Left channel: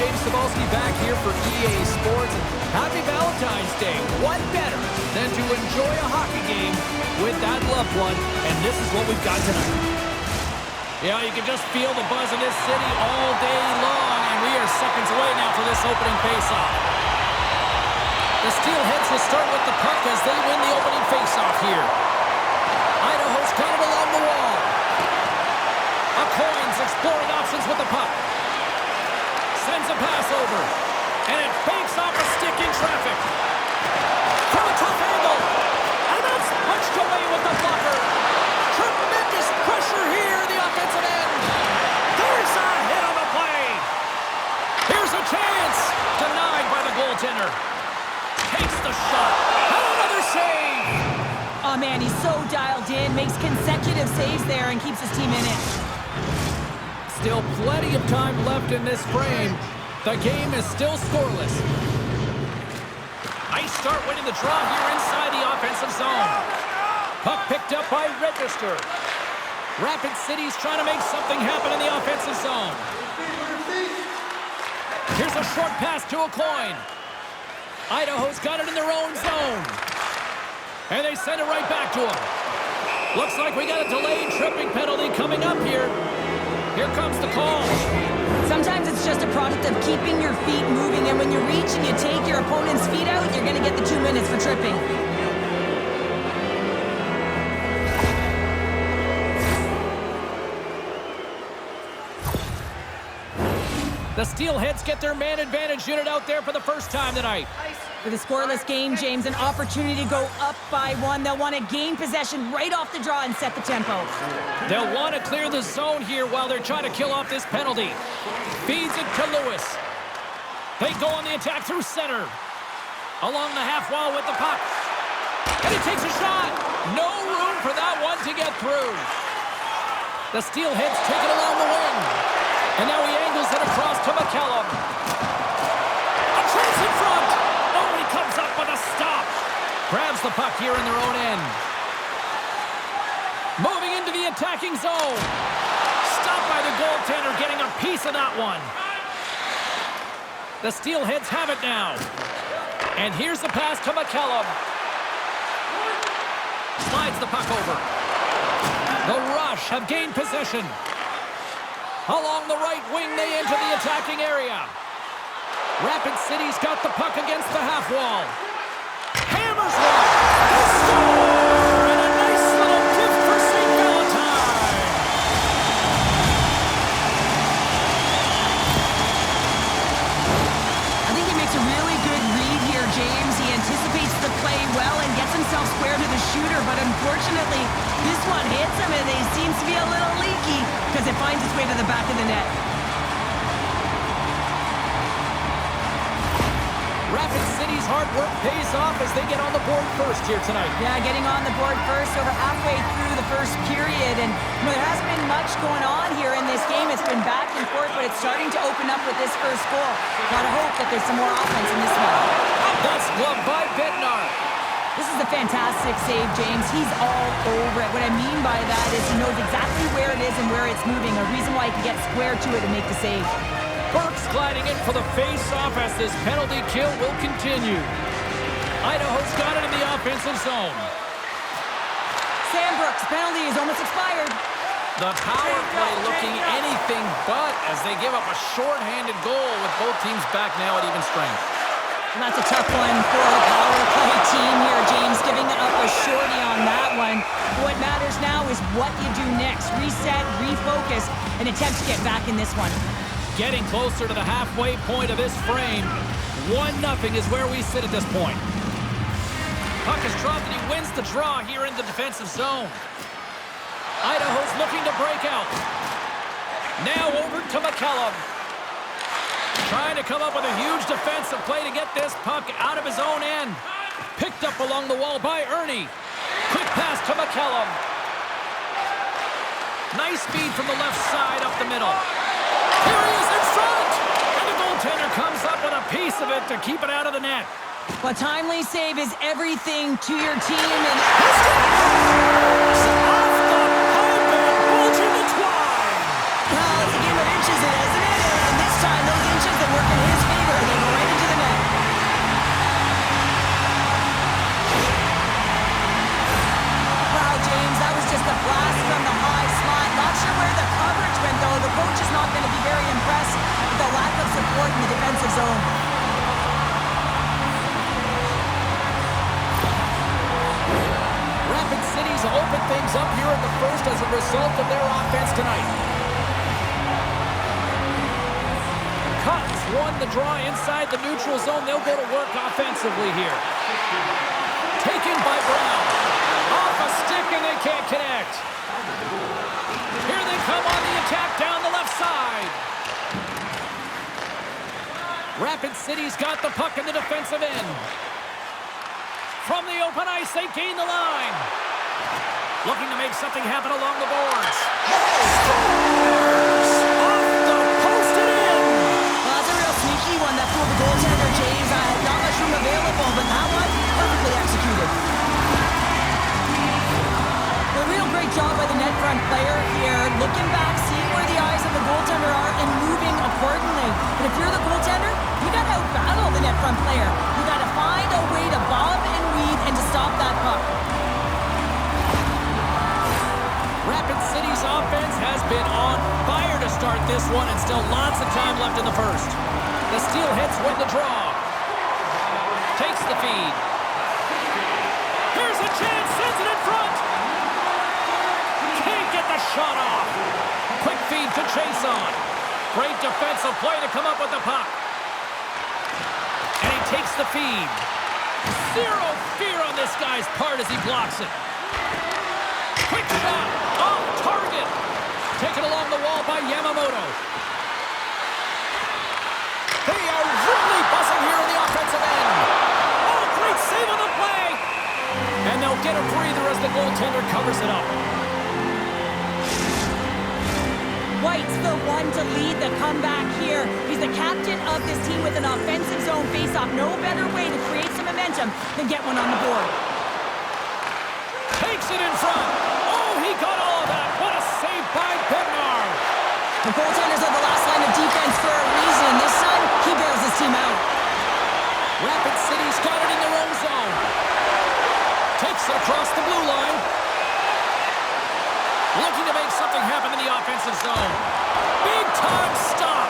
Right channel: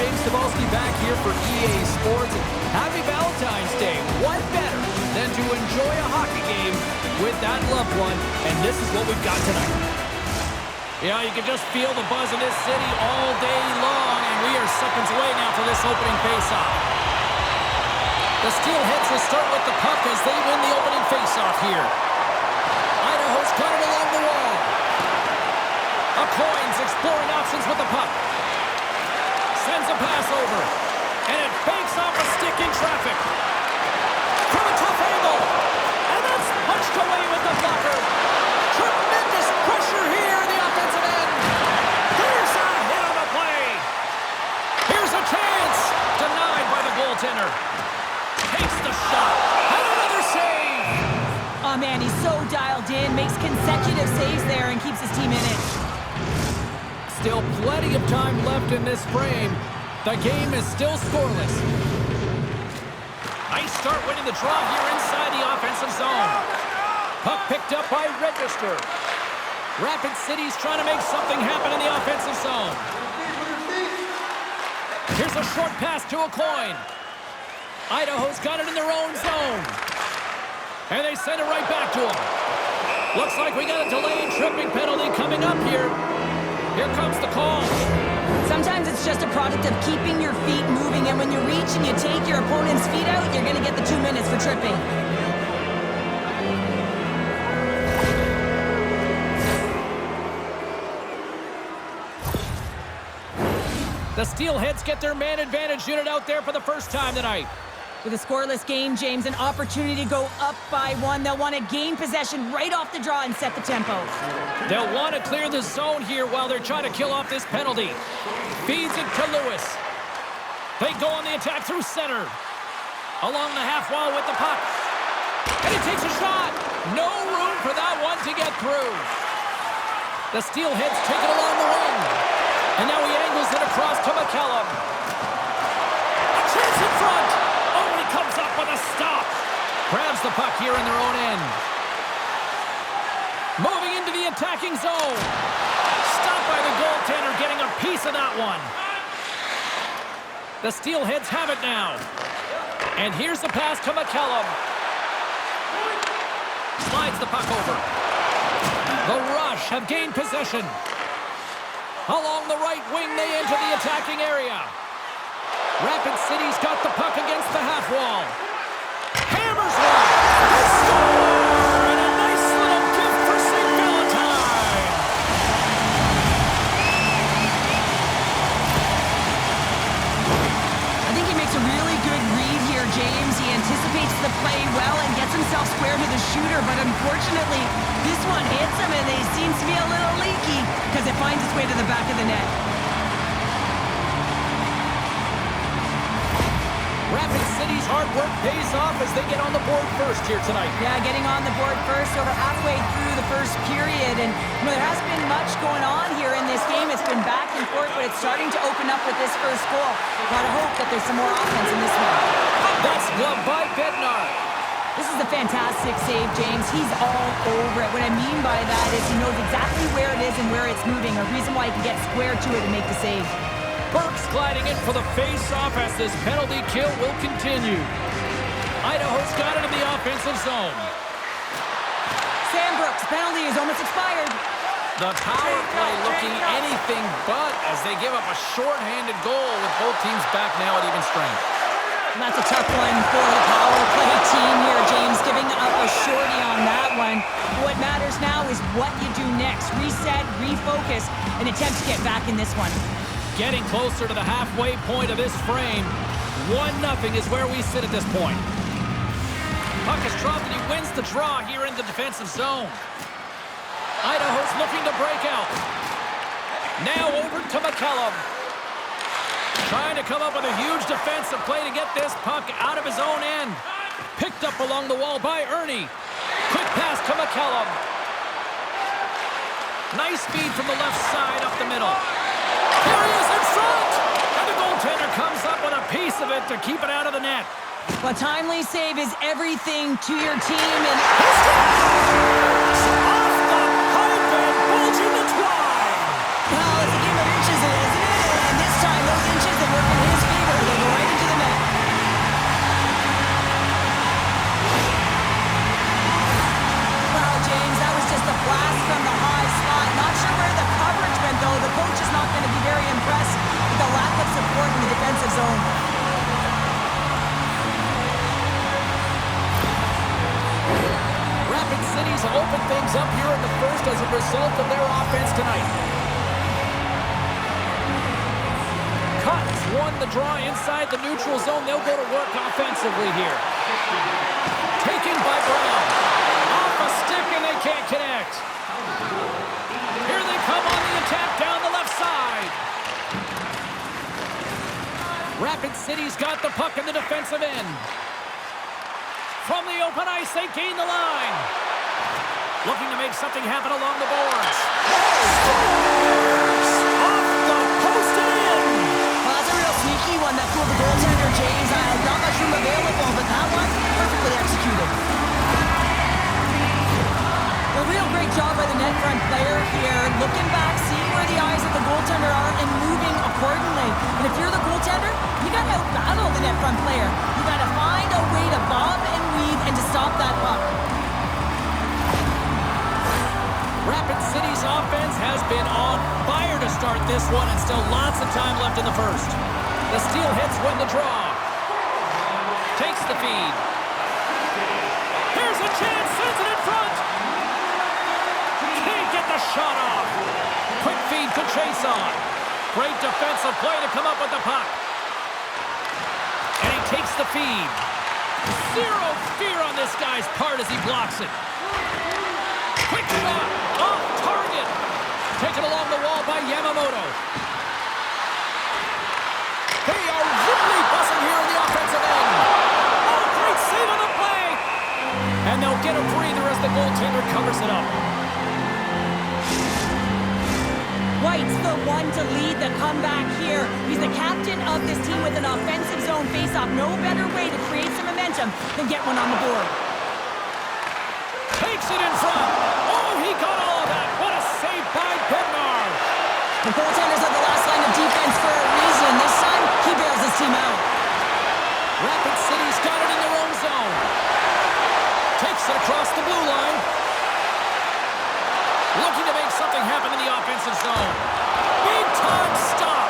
James Cebulski back here for EA Sports. And happy Valentine's Day. What better than to enjoy a hockey game with that loved one? And this is what we've got tonight. Yeah, you can just feel the buzz in this city all day long. And we are seconds away now for this opening faceoff. The Steelheads will start with the puck as they win the opening faceoff here. Idaho's got it along the wall. Coins exploring options with the puck. Sends a pass over. And it fakes off a stick in traffic. From a tough angle. And that's punched away with the blocker. Tremendous pressure here in the offensive end. There's a hit on the play. Here's a chance. Denied by the goaltender. Takes the shot. And another save. Oh, man, he's so dialed in. Makes consecutive saves there and keeps his team in it. Still plenty of time left in this frame. The game is still scoreless. Nice start winning the draw here inside the offensive zone. Puck picked up by Register. Rapid City's trying to make something happen in the offensive zone. Here's a short pass to a coin. Idaho's got it in their own zone. And they send it right back to him. Looks like we got a delayed tripping penalty coming up here. Here comes the call. Sometimes it's just a product of keeping your feet moving, and when you reach and you take your opponent's feet out, you're going to get the 2 minutes for tripping. The Steelheads get their man advantage unit out there for the first time tonight. With a scoreless game, James, an opportunity to go up by 1. They'll want to gain possession right off the draw and set the tempo. They'll want to clear the zone here while they're trying to kill off this penalty. Feeds it to Luce. They go on the attack through center. Along the half wall with the puck. And he takes a shot. No room for that one to get through. The Steelheads take it along the wing. And now he angles it across to McCallum. A chance in front. Oh, and he comes up with a stop. Grabs the puck here in their own end. Moving into the attacking zone. Stopped by the goaltender, getting a piece of that one. The Steelheads have it now. And here's the pass to McCallum. Slides the puck over. The Rush have gained possession. Along the right wing, they enter the attacking area. Rapid City's got the puck against the half wall. Hammers one. They score! And a nice little gift for St. Valentine. I think he makes a really good read here, James. He anticipates the play well and gets himself square to the shooter, but unfortunately, this one hits him and he seems to be a little leaky because it finds its way to the back of the net. Rapid City's hard work pays off as they get on the board first here tonight. Yeah, getting on the board first over halfway through the first period. And there hasn't been much going on here in this game. It's been back and forth, but it's starting to open up with this first goal. Gotta hope that there's some more offense in this one. That's gloved by Bednar. This is a fantastic save, James. He's all over it. What I mean by that is he knows exactly where it is and where it's moving. A reason why he can get square to it and make the save. Burke's gliding in for the face-off as this penalty kill will continue. Idaho's got it in the offensive zone. Sambrook's penalty is almost expired. The power play looking anything but as they give up a short-handed goal with both teams back now at even strength. And that's a tough one for the power play team here, James, giving up a shorty on that one. What matters now is what you do next. Reset, refocus, and attempt to get back in this one. Getting closer to the halfway point of this frame. 1-0 is where we sit at this point. Puck is dropped and he wins the draw here in the defensive zone. Idaho's looking to break out. Now over to McCallum. Trying to come up with a huge defensive play to get this puck out of his own end. Picked up along the wall by Ernie. Quick pass to McCallum. Nice speed from the left side up the middle. Here he is in front! And the goaltender comes up with a piece of it to keep it out of the net. A timely save is everything to your team. And he scores! Off the pipe and bulging the twine! well, it's a game of inches, isn't it? And this time, those inches that work in court in the defensive zone. Rapid City's opened things up here in the first as a result of their offense tonight. Cotton's won the draw inside the neutral zone. They'll go to work offensively here. Taken by Brown. Off a stick and they can't connect. Here they come on the attack down the left side. Rapid City's got the puck in the defensive end. From the open ice, they gain the line. Looking to make something happen along the boards. Scores! Off the post and in! Well, that's a real sneaky one that fooled the goaltender, James. Not much room available, but that one, perfectly executed. A real great job by the net front player here. Looking back, seeing where the eyes of the goaltender are and moving accordingly. But if you're the goaltender, you got to out-battle the net front player. You got to find a way to bob and weave and to stop that puck. Rapid City's offense has been on fire to start this one, and still lots of time left in the first. The Steelheads win the draw. Takes the feed. Here's a chance, sends it in front. Can't get the shot off. Quick feed to chase on. Great defensive play to come up with the puck. And he takes the feed. Zero fear on this guy's part as he blocks it. Quick shot. Off target. Taken along the wall by Yamamoto. They are really buzzing here in the offensive end. Oh, great save on the play. And they'll get a breather as the goaltender covers it up. White's the one to lead the comeback here. He's the captain of this team with an offensive zone faceoff. No better way to create some momentum than get one on the board. Takes it in front. Oh, he got all of that. What a save by Bednar. The goaltenders are the last line of defense for a reason. This time, he bails his team out. Rapid City's got it in their own zone. Takes it across the blue line. Looking to make something happen in the offensive zone. Big time stop.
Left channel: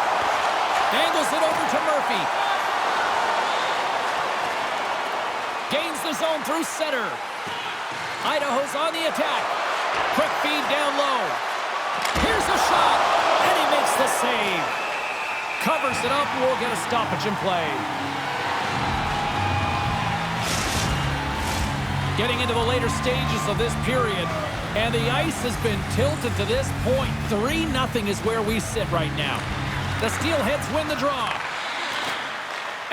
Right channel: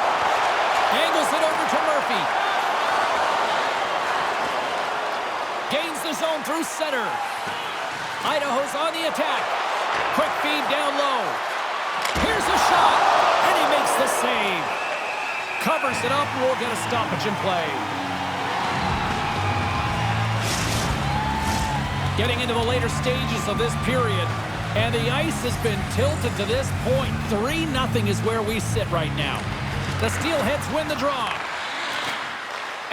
Angles it over to Murphy. Gains the zone through center. Idaho's on the attack. Quick feed down low. Here's a shot. And he makes the save. Covers it up and we'll get a stoppage in play. Getting into the later stages of this period. And the ice has been tilted to this point. 3-0 is where we sit right now. The Steelheads win the draw.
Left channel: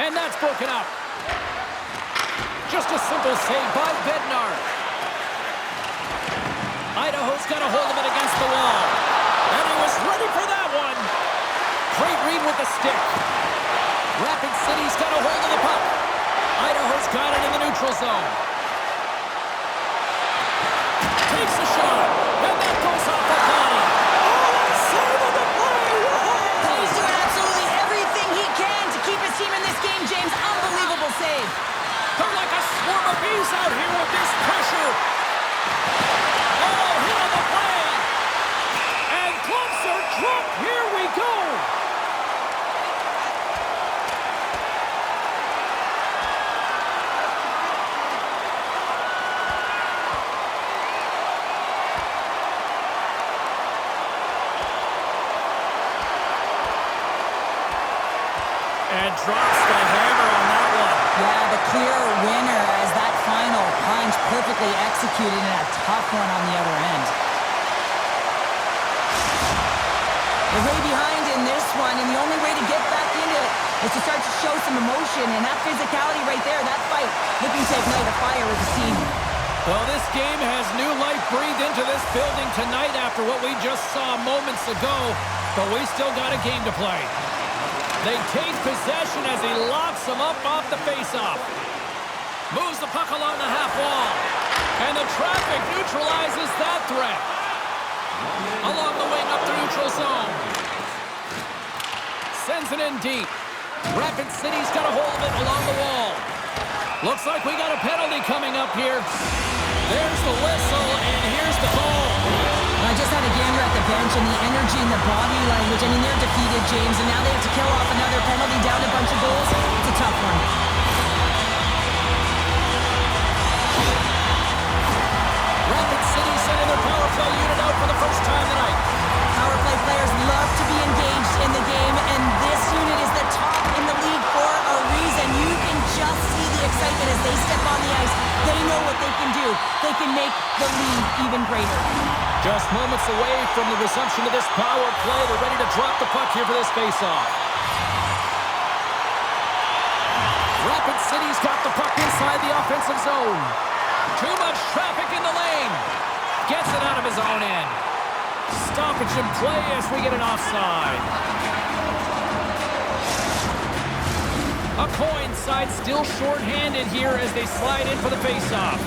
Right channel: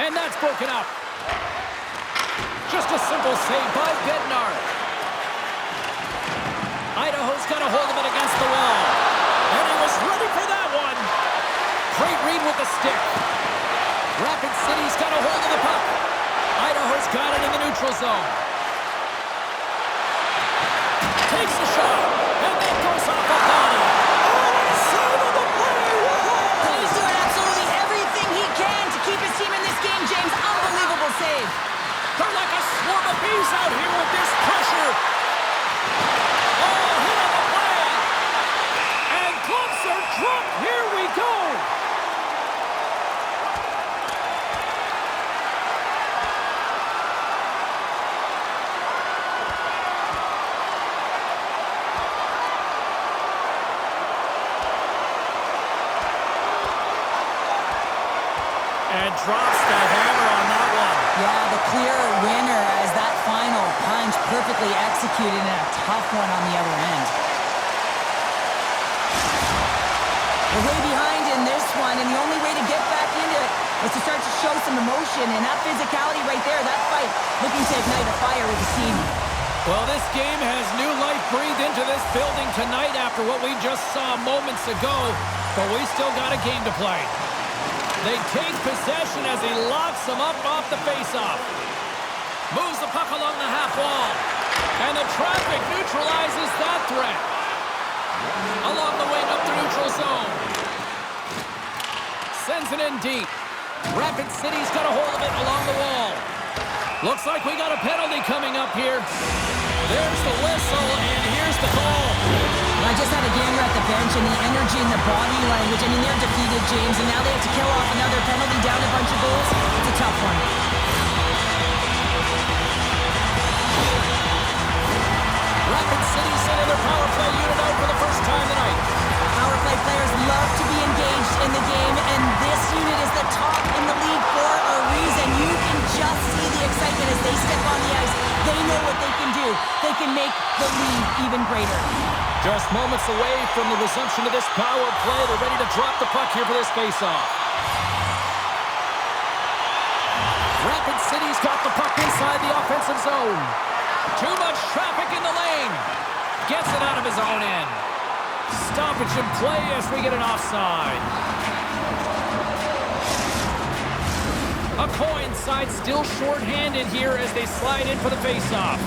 And that's broken up. Just a simple save by Bednar. Idaho's got a hold of it against the wall. And he was ready for that one. Great read with the stick. Rapid City's got a hold of the puck. Idaho's got it in the neutral zone. Takes a shot, and that goes off a body. Oh, what a save on the play! Whoa. He's doing absolutely everything he can to keep his team in this game, James. Unbelievable save. They're like a swarm of bees out here with this pressure. Oh, hit on the play. And gloves are dropped. Here we go. And drops the hammer on that one. Yeah, the clear winner as that final punch perfectly executed and a tough one on the other end. They're way behind in this one, and the only way to get back into it is to start to show some emotion, and that physicality right there, that fight, looking to ignite a fire with his team. Well, this game has new life breathed into this building tonight after what we just saw moments ago, but we still got a game to play. They take possession as he locks them up off the faceoff. Moves the puck along the half wall. And the traffic neutralizes that threat. Along the wing up the neutral zone. Sends it in deep. Rapid City's got a hold of it along the wall. Looks like we got a penalty coming up here. There's the whistle, and here's the call. I just had a gander at the bench, and the energy and the body language. I mean, they're defeated, James, and now they have to kill off another penalty, down a bunch of goals. It's a tough one. Rapid City sending their power play unit out for the first time tonight. Power play players love to be engaged in the game, and this unit is the top in the league for a reason. You can just see the excitement as they step on the ice. They know what they can do. They can make the lead even greater. Just moments away from the resumption of this power play. They're ready to drop the puck here for this faceoff. Rapid City's got the puck inside the offensive zone. Too much traffic in the lane. Gets it out of his own end. Stoppage in play as we get an offside. A coin side still short-handed here as they slide in for the faceoff.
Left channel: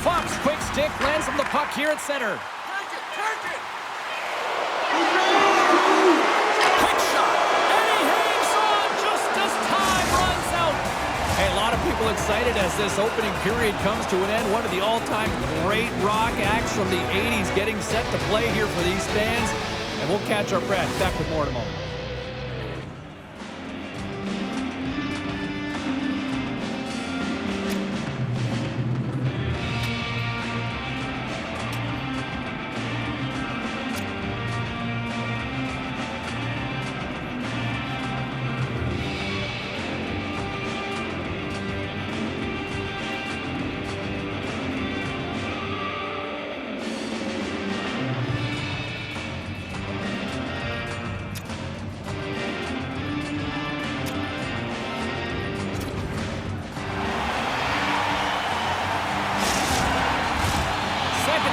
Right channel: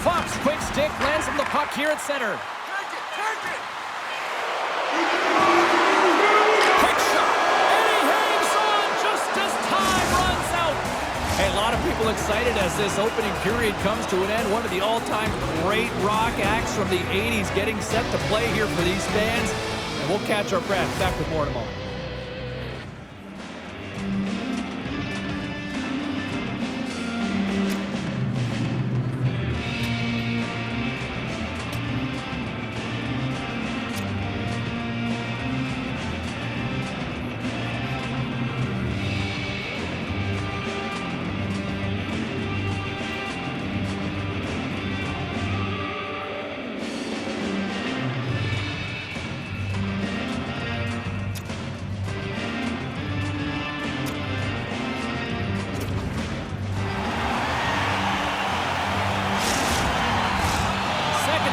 Fox, quick stick, lands him the puck here at center. Take it! Quick shot, and he hangs on just as time runs out. Hey, a lot of people excited as this opening period comes to an end. One of the all-time great rock acts from the 80s getting set to play here for these fans. And we'll catch our breath. Back with more in a moment.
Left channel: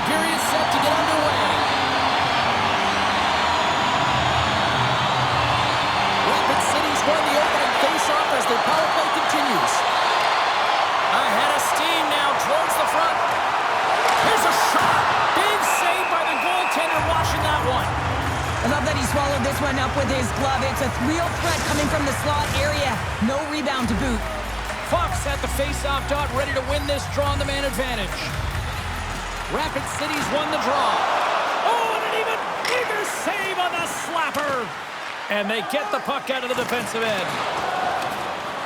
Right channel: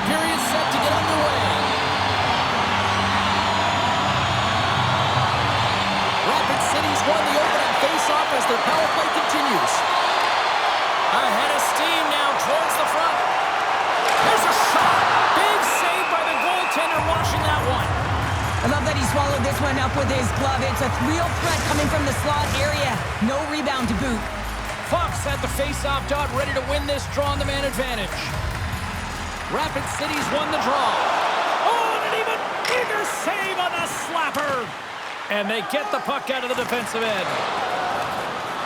Period set to get underway. Rapid City's won the opening face-off as their power play continues. Ahead of steam now towards the front. Here's a shot. Big save by the goaltender watching that one. I love that he swallowed this one up with his glove. It's a real threat coming from the slot area. No rebound to boot. Fox at the face-off dot, ready to win this draw on the man advantage. Rapid City's won the draw. Oh, and an even bigger save on the slapper. And they get the puck out of the defensive end.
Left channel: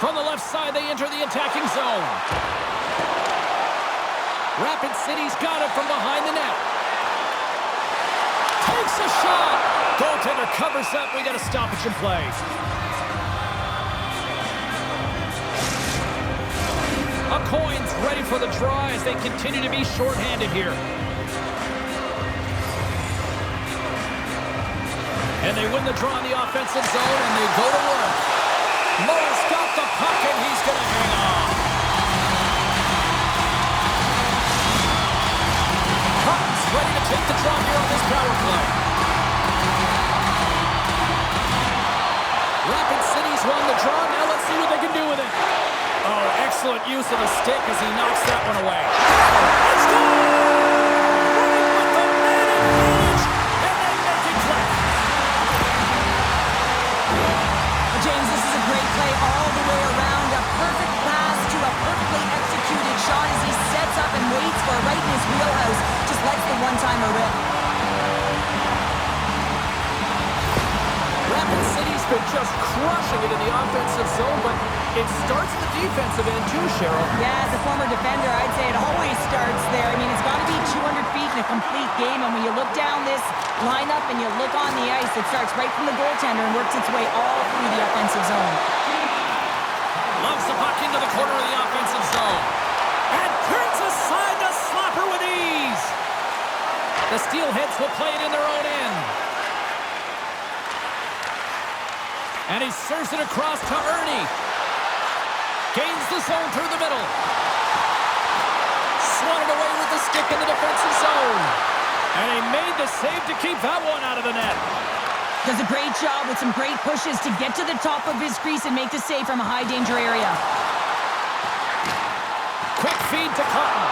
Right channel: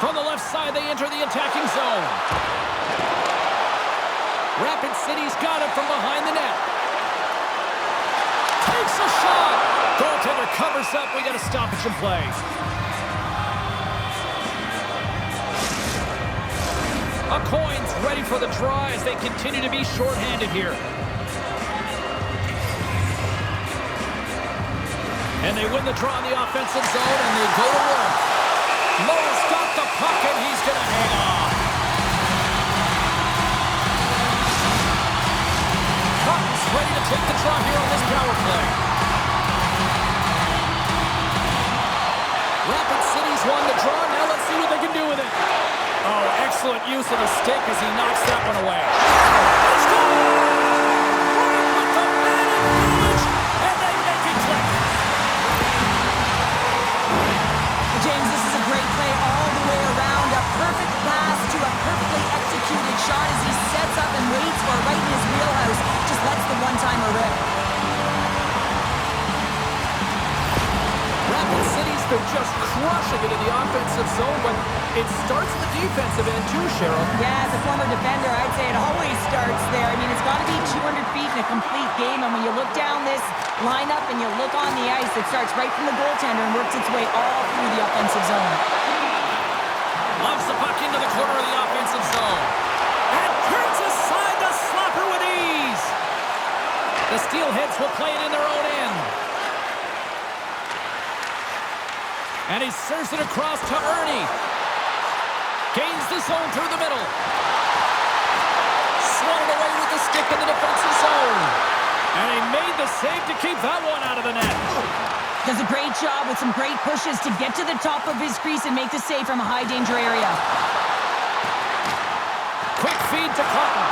From the left side, they enter the attacking zone. Rapid City's got it from behind the net. Takes a shot. Goaltender covers up. We got a stoppage in play. A coin's ready for the draw as they continue to be shorthanded here. And they win the draw in the offensive zone, and they go to work. Lowe's got the puck, and he's going to hang on. Cotton's ready to take the draw here on this power play. Rapid City's won the draw. Now let's see what they can do with it. Oh, excellent use of the stick as he knocks that one away. Let's go! Right with the man advantage, and they make it click. James, this is a great play all the way around. A perfect pass to a perfectly executed shot as he sets up and waits for it right in his wheelhouse. Just lets the one-timer rip. Rapid City's been just crushing it in the offensive zone, but it starts in the defensive end too, Cheryl. Yeah, as a former defender, I'd say it always starts there. I mean, it's got to be 200 feet in a complete game, and when you look down this lineup and you look on the ice, it starts right from the goaltender and works its way all through the offensive zone. Loves the puck into the corner of the offensive zone. And turns aside the slapper with ease. The Steelheads will play it in their own end. And he serves it across to Ernie. Gains the zone through the middle. Swatted away with the stick in the defensive zone. And he made the save to keep that one out of the net. Does a great job with some great pushes to get to the top of his crease and make the save from a high-danger area. Quick feed to Cotton.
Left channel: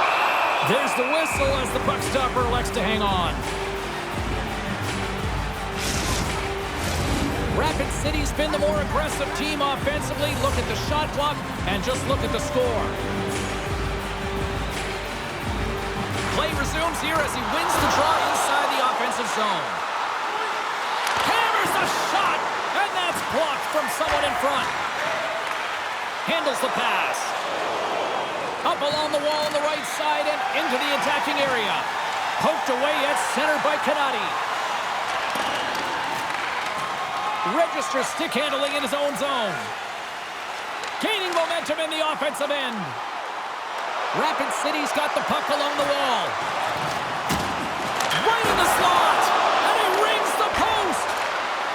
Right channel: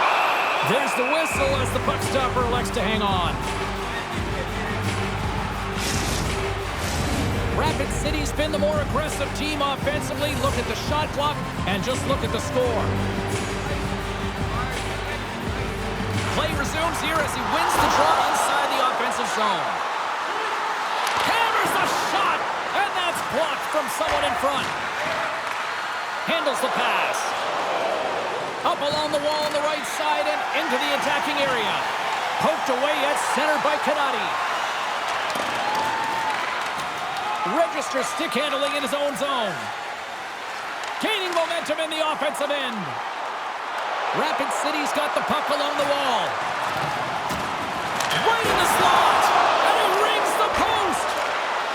There's the whistle as the puck stopper elects to hang on. Rapid City's been the more aggressive team offensively. Look at the shot clock and just look at the score. resumes here as he wins the draw inside the offensive zone. Hammers the shot, and that's blocked from someone in front. Handles the pass. Up along the wall on the right side and into the attacking area. Poked away at center by Kanati. Registers stick handling in his own zone. Gaining momentum in the offensive end. Rapid City's got the puck along the wall. Right in the slot. And he rings the post.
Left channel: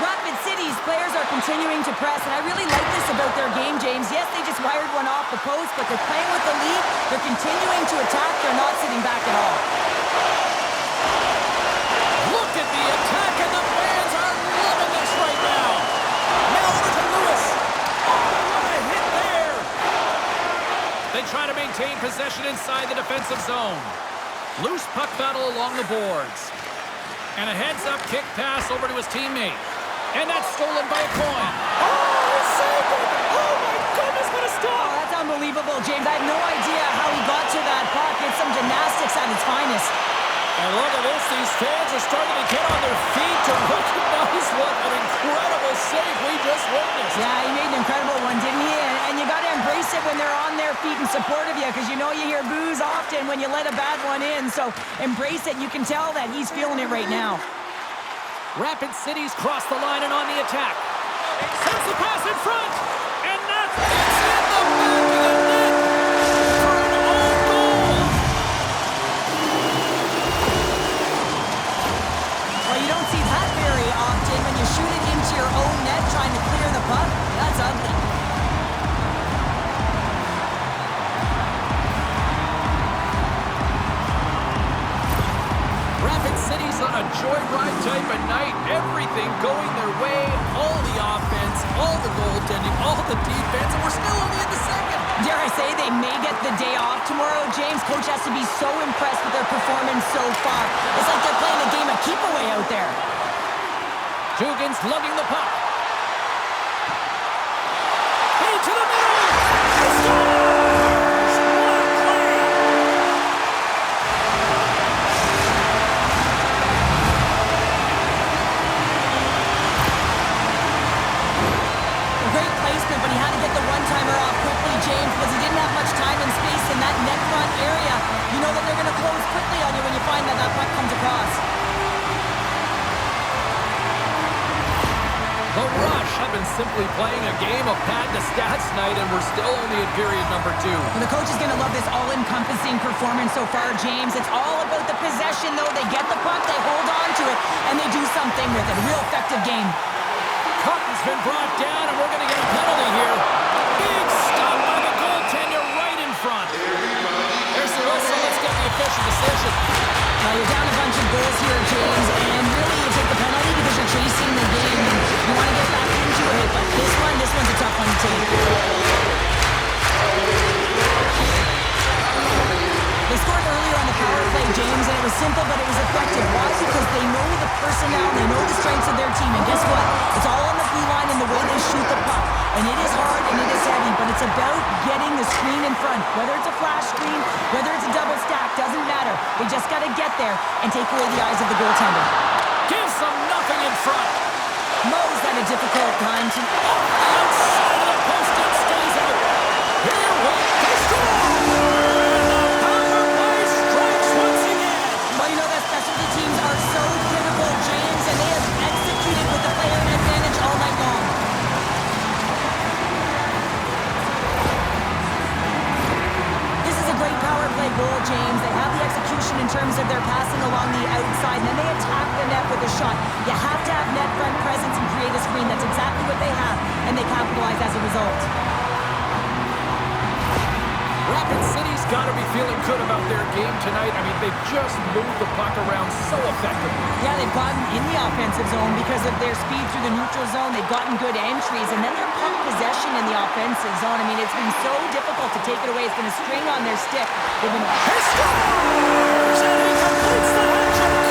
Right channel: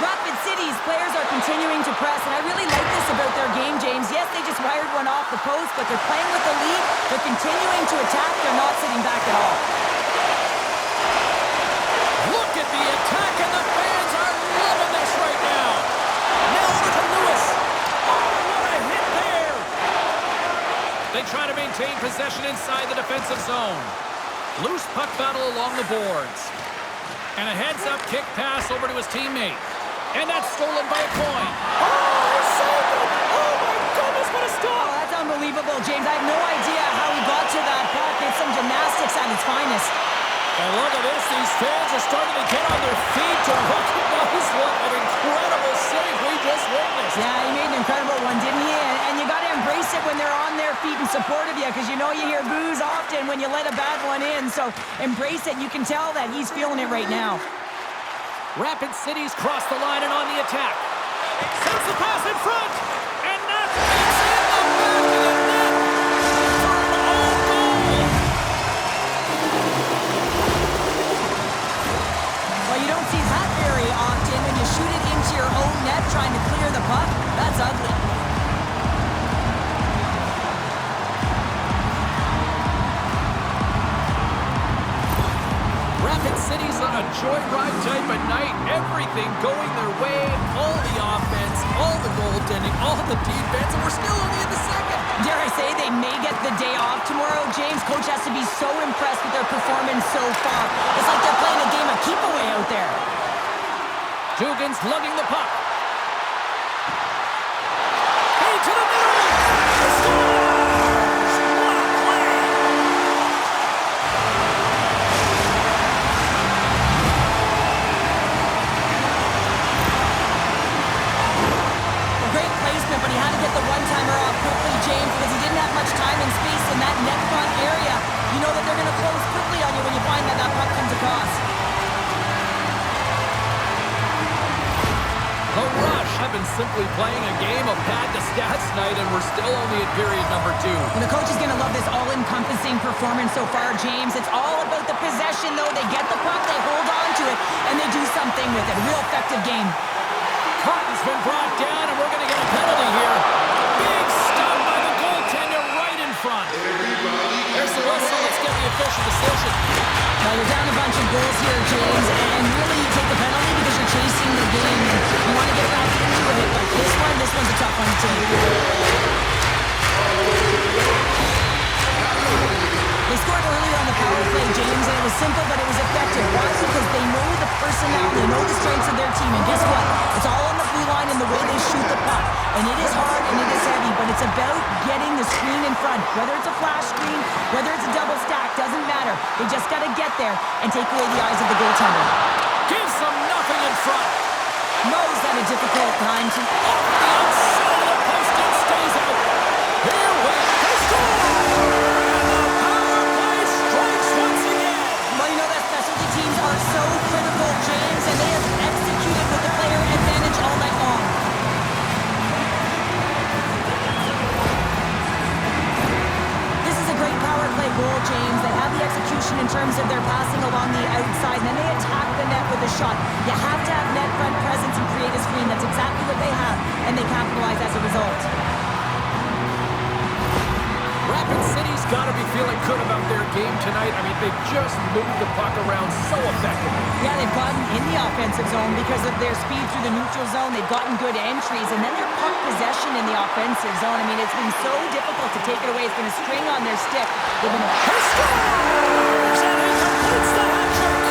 Rapid City's players are continuing to press, and I really like this about their game, James. Yes, they just wired one off the post, but they're playing with the lead. They're continuing to attack. They're not sitting back at all. Look at the attack, and the fans are loving this right now. Now over to Luce. Oh, what a hit there. They try to maintain possession inside the defensive zone. Loose puck battle along the boards. And a heads-up kick pass over to his teammate. And that's stolen by a Crone. Oh, he saved it! Oh, my goodness, what a stop! Oh, that's unbelievable, James. I have no idea how he got to that puck. It's some gymnastics at its finest. And look at this. These fans are starting to get on their feet to recognize what an incredible save we just witnessed. Yeah, he made an incredible one, didn't he? And you got to embrace it when they're on their feet in support of you, because you know you hear boos often when you let a bad one in. So embrace it. You can tell that he's feeling it right now. Rapid City's crossed the line and on the attack. Sends the pass in front. And that's it's in the back of the net for an own goal. Well, you don't see that very often when you shoot it into your own net trying to clear the puck. That's ugly. Rapid City's on a joyride type of night. Everything going their way. All the offense, all the goaltending, all the defense, and we're still only in the second. Dare I say they may get the day off tomorrow, James. Coach has to be so impressed with their performance so far. It's like they're playing a game of keep-away out there. Dugan's lugging the puck. Feed to the middle. He scores! What a play! Great placement, but he had to get the one-timer off quickly, James, because he didn't have much time and space in that net front area. You know that they're going to close quickly on you when you find that puck comes across. The Rush have been simply playing a game of pad to stats tonight, and we're still only in period number 2. Well, the coach is going to love this all-encompassing performance so far, James. It's all about the possession, though. They get the puck, they hold on to it, and they do something with it. Real effective game. Cotton's been brought down, and we're going to get a penalty here. Big stop by the goaltender right in front. There's the whistle. Let's get the official decision. Now, you're down a bunch of goals here, James, and really you take the penalty because you're chasing the game, and you want to get back into it, but this one's a tough one to take. They scored earlier on the power play, James, and it was simple, but it was effective. Why? Because they know the personnel, they know the strengths of their team, and guess what? It's all on the blue line and the way they shoot the puck. And it is hard and it is heavy, but it's about getting the screen in front. Whether it's a flash screen, whether it's a double stack, doesn't matter. They just got to get there and take away the eyes of the goaltender. Gives them nothing in front. Mo's had a difficult time to... Off the outside of the post and stays out. Here we go. They score! Well, you know that specialty teams are so critical, James, and they have executed with the player advantage all night long. This is a great power play goal, James. They have the execution in terms of their passing along the outside, and then they attack the net with a shot. You have to have net front presence and create a screen. That's exactly what they have, and they capitalize as a result. Rapid City's got to be feeling good about their game tonight. I mean, they've just moved the puck around so effectively. Yeah, they've gotten in the offensive zone because of their speed through the neutral zone. They've gotten good entries, and then their puck possession in the offensive zone. I mean, it's been so difficult to take it away. It's been a string on their stick. They've been... He scores! And he completes the hat-trick!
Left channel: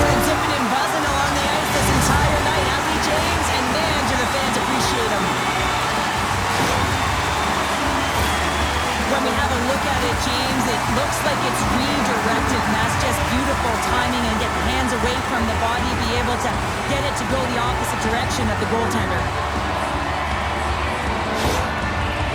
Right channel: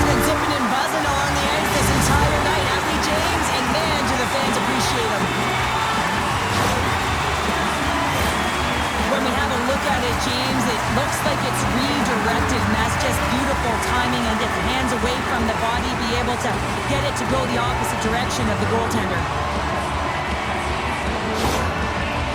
He's been tipping and buzzing along the ice this entire night, hasn't he, James? And man, do the fans appreciate him. When we have a look at at it, James, it looks like it's redirected, and that's just beautiful timing, and get the hands away from the body, be able to get it to go the opposite direction of the goaltender.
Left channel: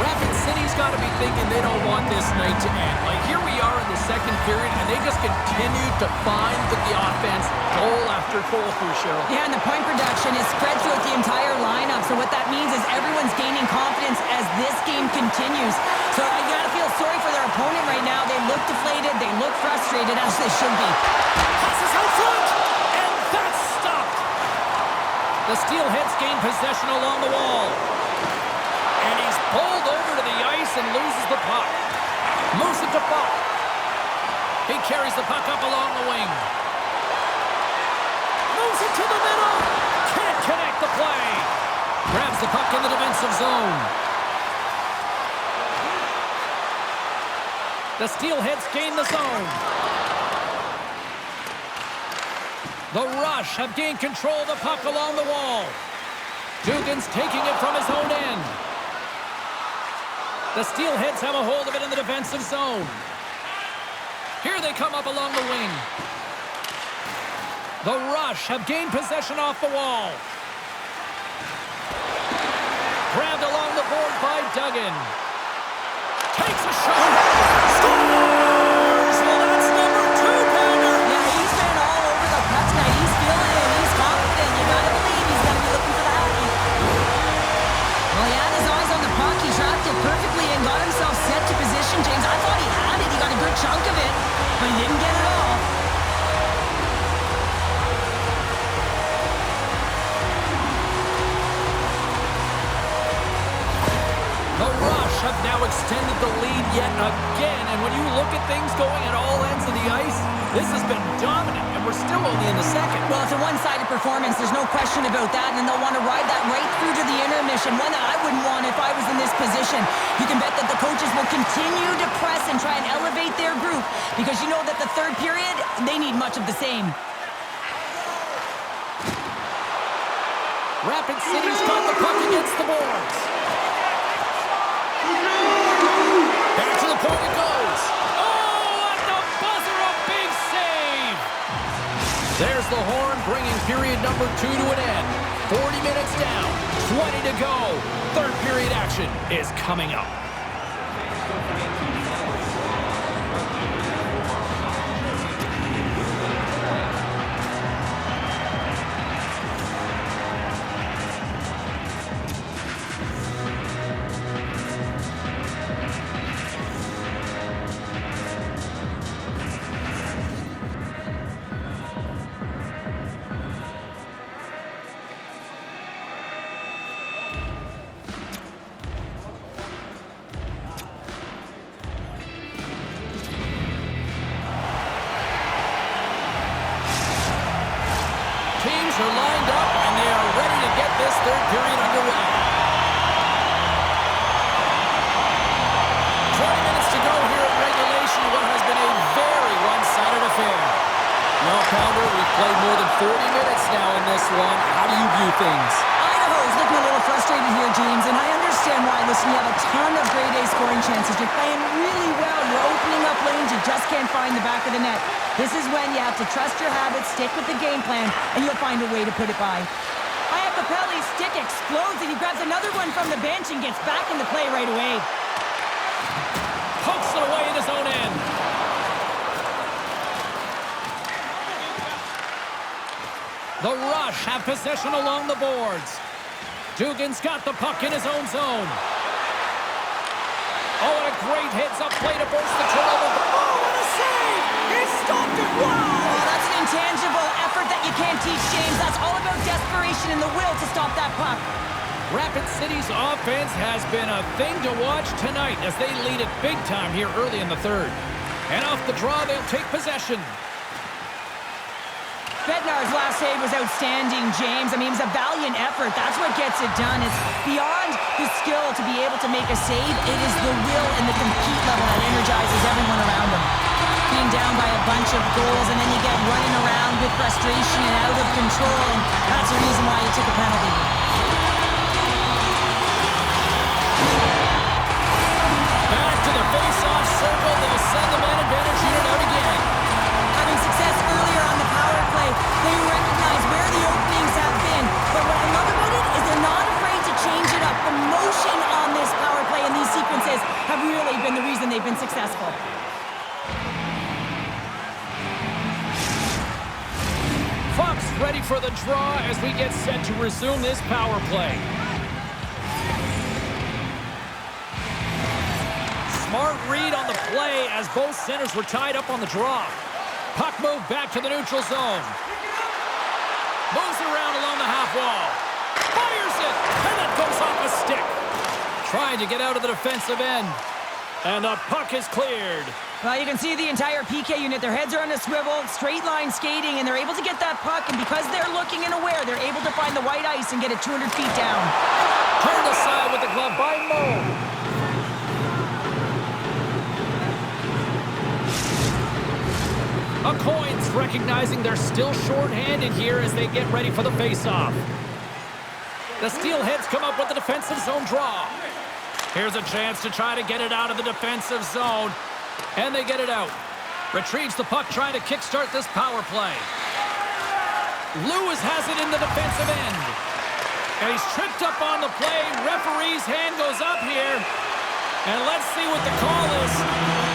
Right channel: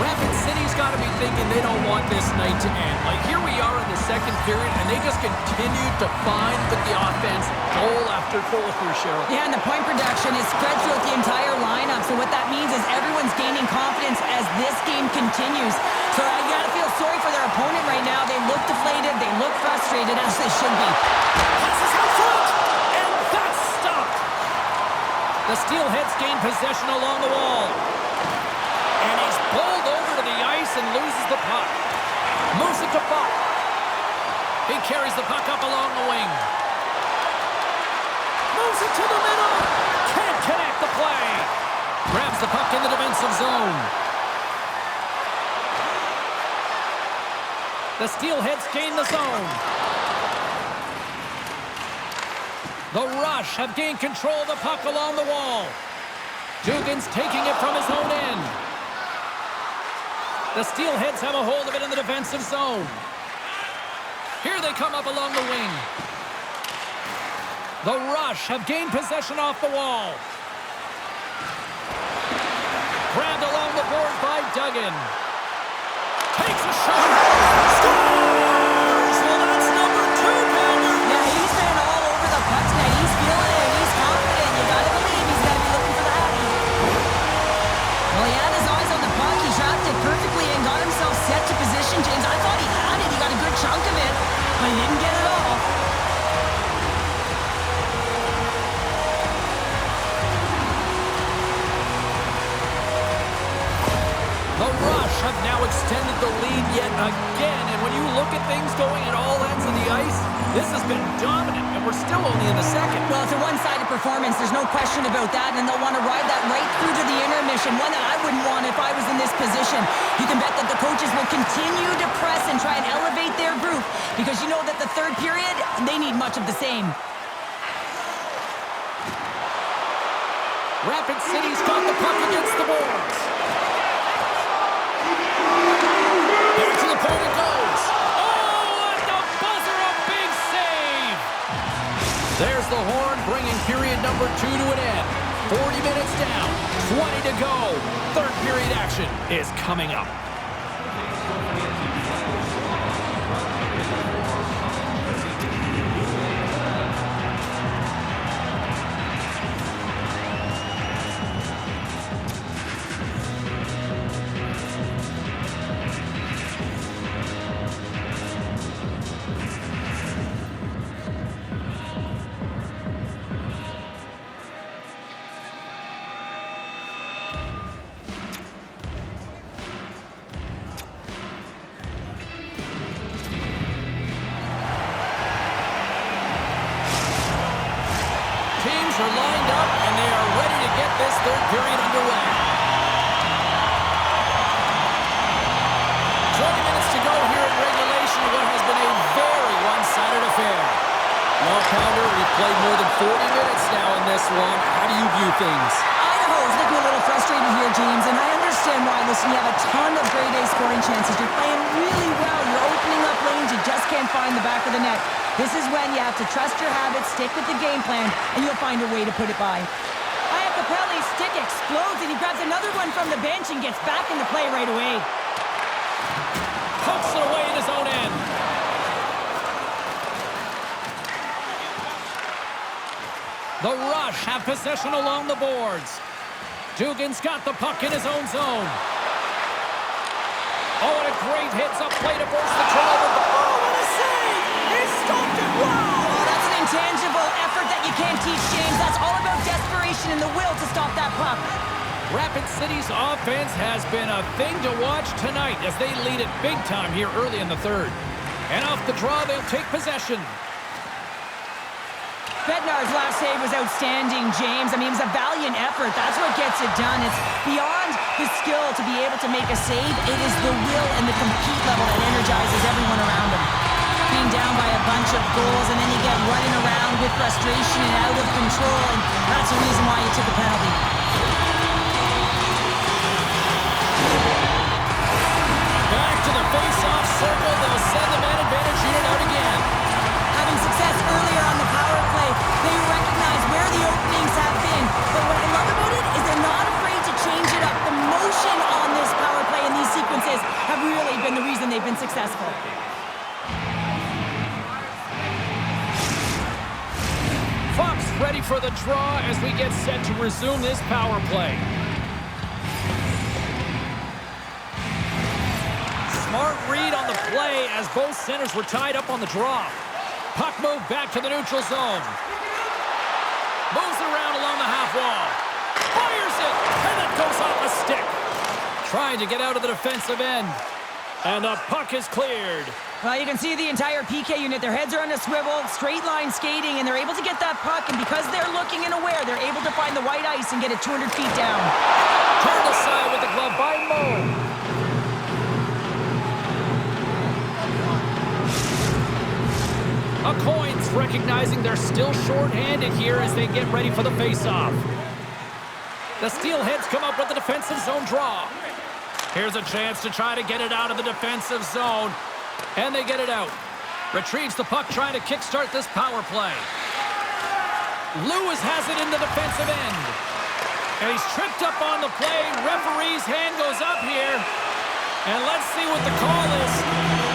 Rapid City's got to be thinking they don't want this night to end. Like, here we are in the second period, and they just continue to find the offense goal after goal here, Cheryl. Yeah, and the point production is spread throughout the entire lineup. So what that means is everyone's gaining confidence as this game continues. So you got to feel sorry for their opponent right now. They look deflated. They look frustrated, as they should be. Passes out front, and that's stopped. The Steelheads gain possession along the wall. And he's bowled over to the ice and loses the puck. Moves it to Focht. He carries the puck up along the wing. Moves it to the middle. Can't connect the play. Grabs the puck in the defensive zone. The Steelheads gain the zone. The Rush have gained control of the puck along the wall. Dugan's taking it from his own end. The Steelheads have a hold of it in the defensive zone. Here they come up along the wing. The Rush have gained possession off the wall. Grabbed along the board by Duggan. Takes a shot. Scores! Well, that's number 2, Bednar. Yeah, he's been all over the puck tonight. He's feeling it. He's confident. You got to believe he's going to be looking for the Hattie. Well, he had his eyes on the puck. He trapped it perfectly and got himself set to position, James. I thought he had it. He got a good chunk of it, but he didn't get it all. The Rush have now extended the lead yet again, and when you look at things going at all ends of the ice, this has been dominant, and we're still only in the second. Well, it's a one-sided performance. There's no question about that, and they'll want to ride that right through to the intermission, one that I wouldn't want if I was in this position. You can bet that the coaches will continue to press and try and elevate their group, because you know that the third period, they need much of the same. Rapid City's got the puck against the boards. Back to the point it goes. Oh, at the buzzer, a big save. There's the horn, bringing period number 2 to an end. 40 minutes down, 20 to go. Third period action is coming up. Are lined up, and they are ready to get this third period underway. 20 minutes to go here in regulation, what has been a very one-sided affair. Well, Pounder, we've played more than 40 minutes now in this one. How do you view things? Idaho's looking a little frustrated here, James, and I understand why. Listen, you have a ton of grade A scoring chances. You're playing really well. You're opening up lanes. You just can't find the back of the net. This is when you have to trust your habits, stick with the game plan, and you'll find a way to put it by. Iacopelli's stick explodes, and he grabs another one from the bench and gets back into play right away. Pokes it away in his own end. The Rush have possession along the boards. Dugan's got the puck in his own zone. Oh, and a great heads-up play to force the turnover. Oh, what a save! He stopped it! Wow! Oh, that's an intangible effort that you can't teach, James. That's all about desperation and the will to stop that puck. Rapid City's offense has been a thing to watch tonight as they lead it big time here early in the third. And off the draw, they'll take possession. Bednar's last save was outstanding, James. I mean, it was a valiant effort. That's what gets it done. It's beyond the skill to be able to make a save. It is the will and the compete level that energizes everyone around him. Being down by a bunch of goals, and then you get running around with frustration and out of control, and that's the reason why you took a penalty. Back to the face-off circle. They'll send the man advantage unit out again. Having success earlier on the power play, they recognize where the openings have been. But what I love about it is they're not afraid to change it up. The motion on this power play and these sequences have really been the reason they've been successful. Fox ready for the draw as we get set to resume this power play. Smart read on the play as both centers were tied up on the draw. Puck moved back to the neutral zone. Moves it around along the half wall. Fires it, and it goes off a stick. Trying to get out of the defensive end. And the puck is cleared. Well, you can see the entire PK unit. Their heads are on a swivel, straight line skating, and they're able to get that puck. And because they're looking and aware, they're able to find the white ice and get it 200 feet down. Turned aside with the glove by Mo. A Coins recognizing they're still short-handed here as they get ready for the face-off. The Steelheads come up with the defensive zone draw. Here's a chance to try to get it out of the defensive zone. And they get it out. Retrieves the puck trying to kickstart this power play. Luce has it in the defensive end. And he's tripped up on the play. Referee's hand goes up here. And let's see what the call is.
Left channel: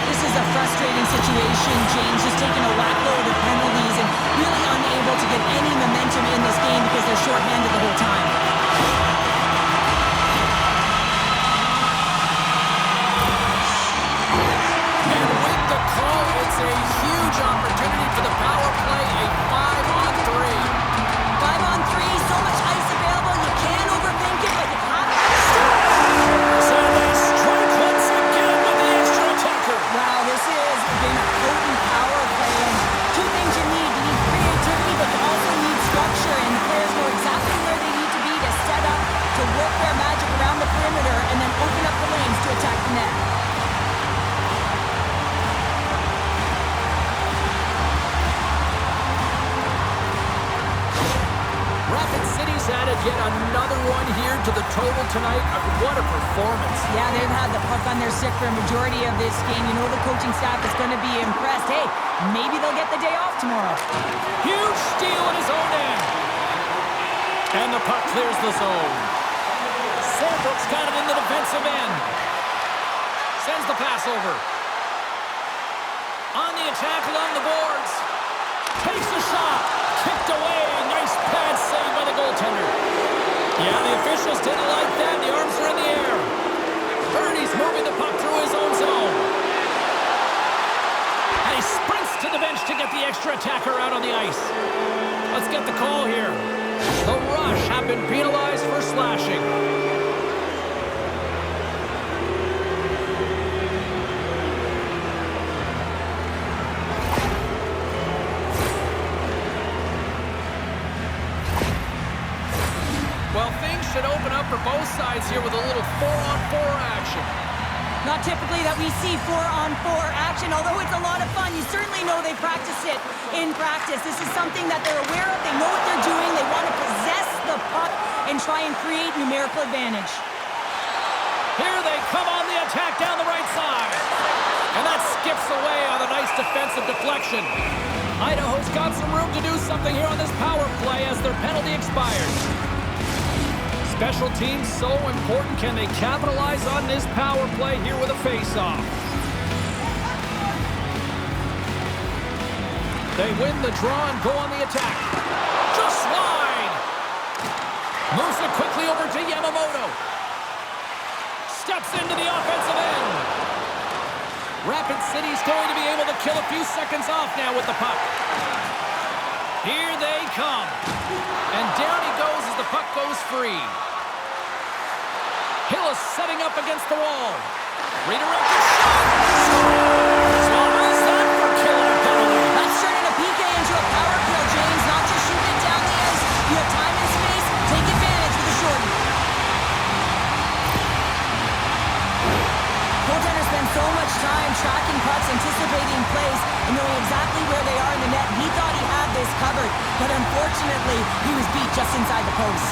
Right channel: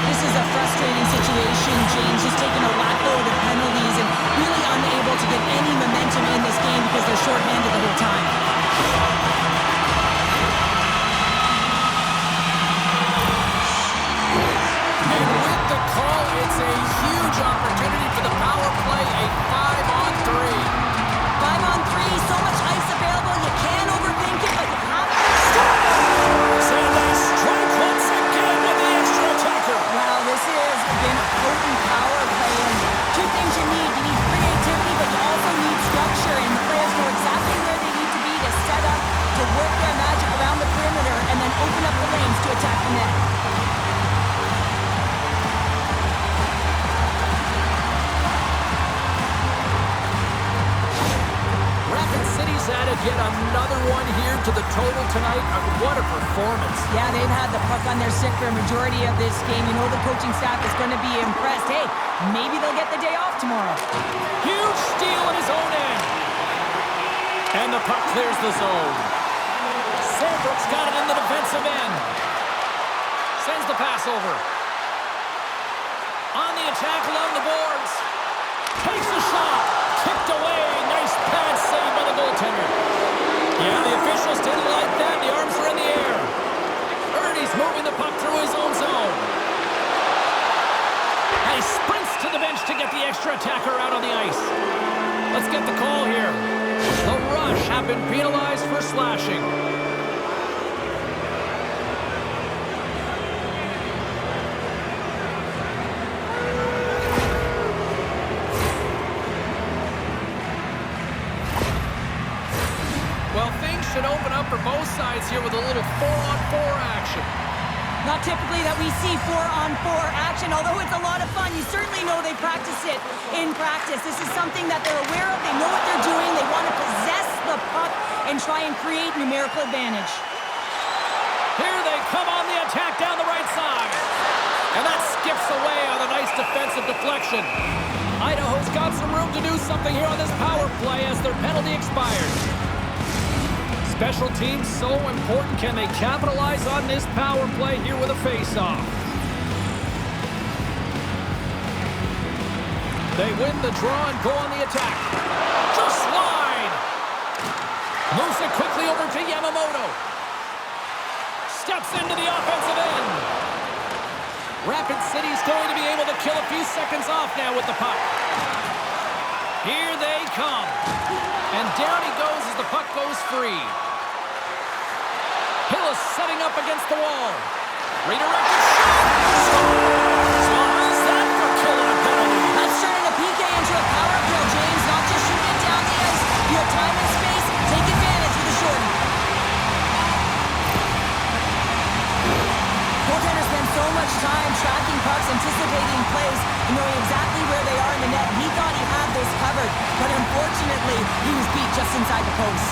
This is a frustrating situation. James just taking a whack-load of penalties and really unable to get any momentum in this game because they're shorthanded the whole time. And with the call, it's a huge opportunity for the power play, a 5-on-3. 5-on-3, so much ice available, you can't overthink it, but you have to So they strike once again with the extra attacker. Wow, this has been a potent power play, and two things you need. You need creativity, but you also need structure, and the players know exactly where they need to be to set up, to work their magic around the perimeter, and then open up the lanes to attack the net. Rapid City's added yet another one here to the total tonight. What a performance. Yeah, they've had the puck on their stick for a majority of this game. You know the coaching staff is going to be impressed. Hey, maybe they'll get the day off tomorrow. Huge steal in his own end. And the puck clears the zone. Sambrook's got it in the defensive end. Sends the pass over. On the attack along the boards. Takes the shot. Kicked away. Nice pad save by the goaltender. Yeah, the officials didn't like that. The arms are in the air. Ernie's moving the puck through his own zone. And he sprints to the bench to get the extra attacker out on the ice. Let's get the call here. The Rush have been penalized for slashing. Well, things should open up for both sides here with a little 4-on-4 action. Not typically that we see 4-on-4 action, although it's a lot of fun. You certainly know they practice it in practice. This is something that they're aware of. They know what they're doing. They want to possess the puck and try and create numerical advantage. Here they come on the attack down the right side. And that skips away on a nice defensive deflection. Idaho's got some room to do something here on this power play as their penalty expires. Special teams so important. Can they capitalize on this power play here with a face-off? They win the draw and go on the attack. Just wide. Moves it quickly over to Yamamoto. Steps into the offensive end. Rapid City's going to be able to kill a few seconds off now with the puck. Here they come. And down he goes as the puck goes free. Hill is setting up against the wall. Redirected shot. Scores! Well, how's that for killing a penalty? That's turning a PK into a power kill, James. Not just shooting it down the ice. You have time and space. Take advantage with a shorty. Goaltender spends so much time tracking pucks, anticipating plays, and knowing exactly where they are in the net. He thought he had this covered, but unfortunately, he was beat just inside the post.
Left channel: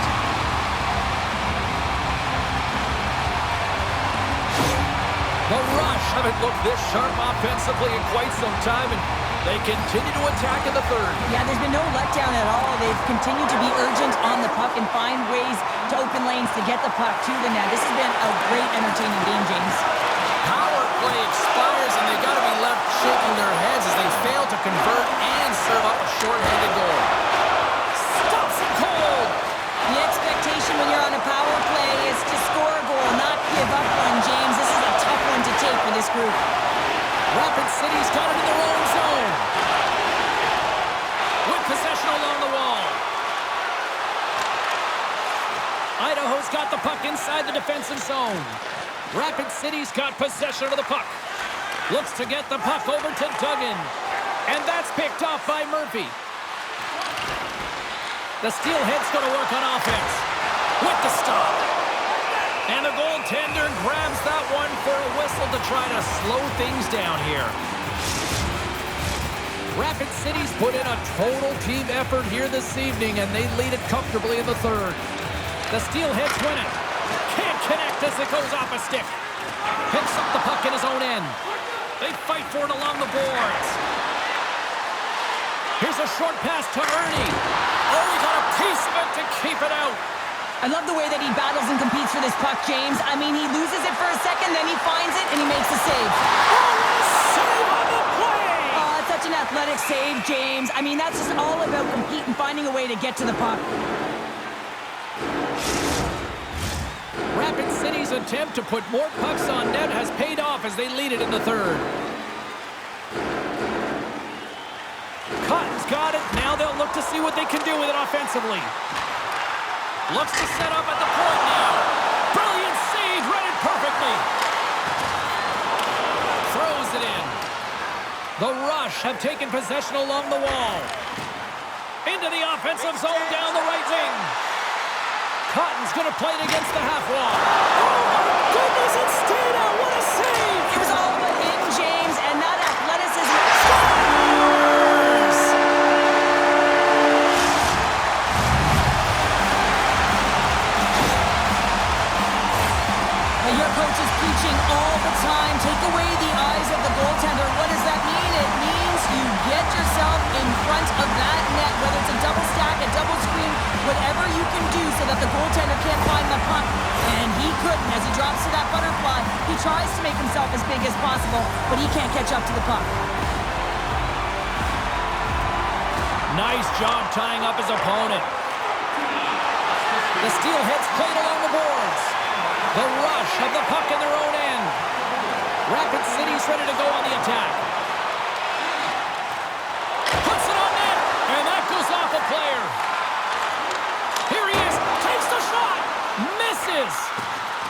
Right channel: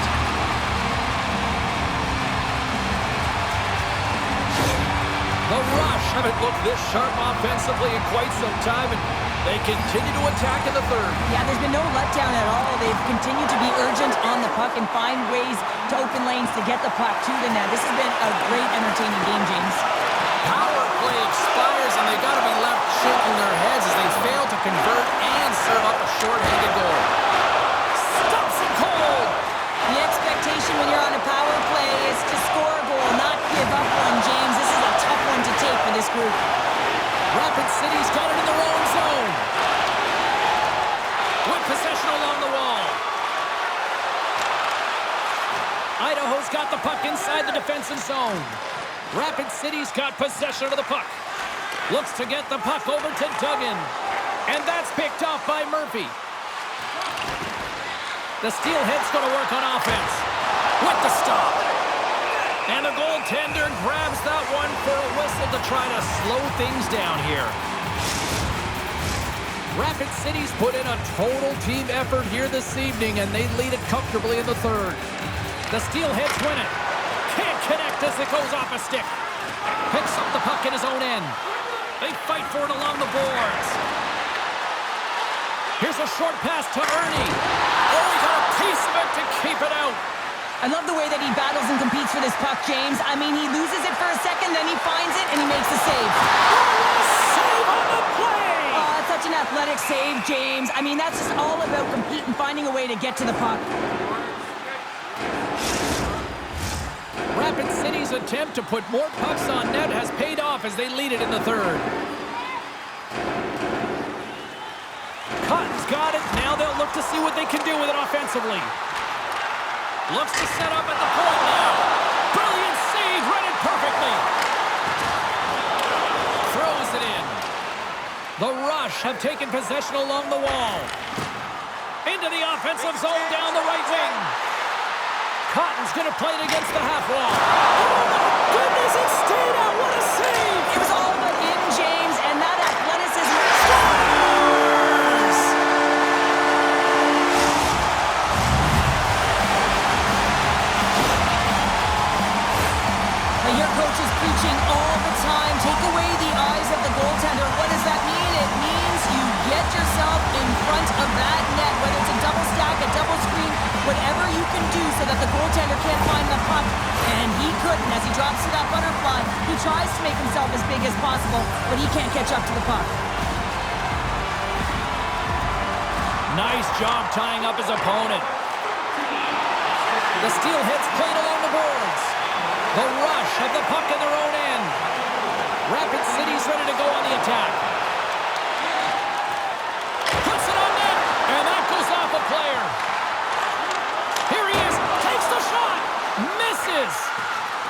The Rush haven't looked this sharp offensively in quite some time, and they continue to attack in the third. Yeah, there's been no letdown at all. They've continued to be urgent on the puck and find ways to open lanes to get the puck to the net. This has been a great, entertaining game, James. Power play expires, and they've got to be left shaking their heads as they fail to convert and serve up a shorthanded goal. Stops it cold! The expectation when you're on a power play is to score a goal, not give up one, James. This is a tough one to take for this group. Rapid City's got it in their own zone. With possession along the wall. Idaho's got the puck inside the defensive zone. Rapid City's got possession of the puck. Looks to get the puck over to Duggan. And that's picked off by Murphy. The Steelheads going to work on offense. With the stop. And the goaltender grabs that one for a whistle to try to slow things down here. Rapid City's put in a total team effort here this evening, and they lead it comfortably in the third. The Steelheads win it. Can't connect as it goes off a stick. Picks up the puck in his own end. They fight for it along the boards. Here's a short pass to Ernie. Oh, he got a piece of it to keep it out. I love the way that he battles and competes for this puck, James. I mean, he loses it for a second, then he finds it, and he makes a save. Oh, what a save on the play! Oh, it's such an athletic save, James. I mean, that's just all about competing, finding a way to get to the puck. Rapid City's attempt to put more pucks on net has paid off as they lead it in the third. Cotton's got it. Now they'll look to see what they can do with it offensively. Looks to set up at the point now. Brilliant save, read it perfectly. Throws it in. The Rush have taken possession along the wall. Into the offensive zone down the right wing. Cotton's going to play it against the half wall. Oh, my goodness, it stayed out. What a save. It was all but in, James, and that athleticism. Scores! But your coach is preaching all the time. Take away the eyes of the goaltender. What does that mean? It means you get yourself in front of that net, whether it's a double stack, a double screen, whatever you can do so that the goaltender can't find the puck. And he couldn't. As he drops to that butterfly, he tries to make himself as big as possible, but he can't catch up to the puck. Nice job tying up his opponent. The Steelheads played along the boards. The Rush have the puck in their own end. Rapid City's ready to go on the attack. Puts it on net, and that goes off a player. Here he is, takes the shot, misses.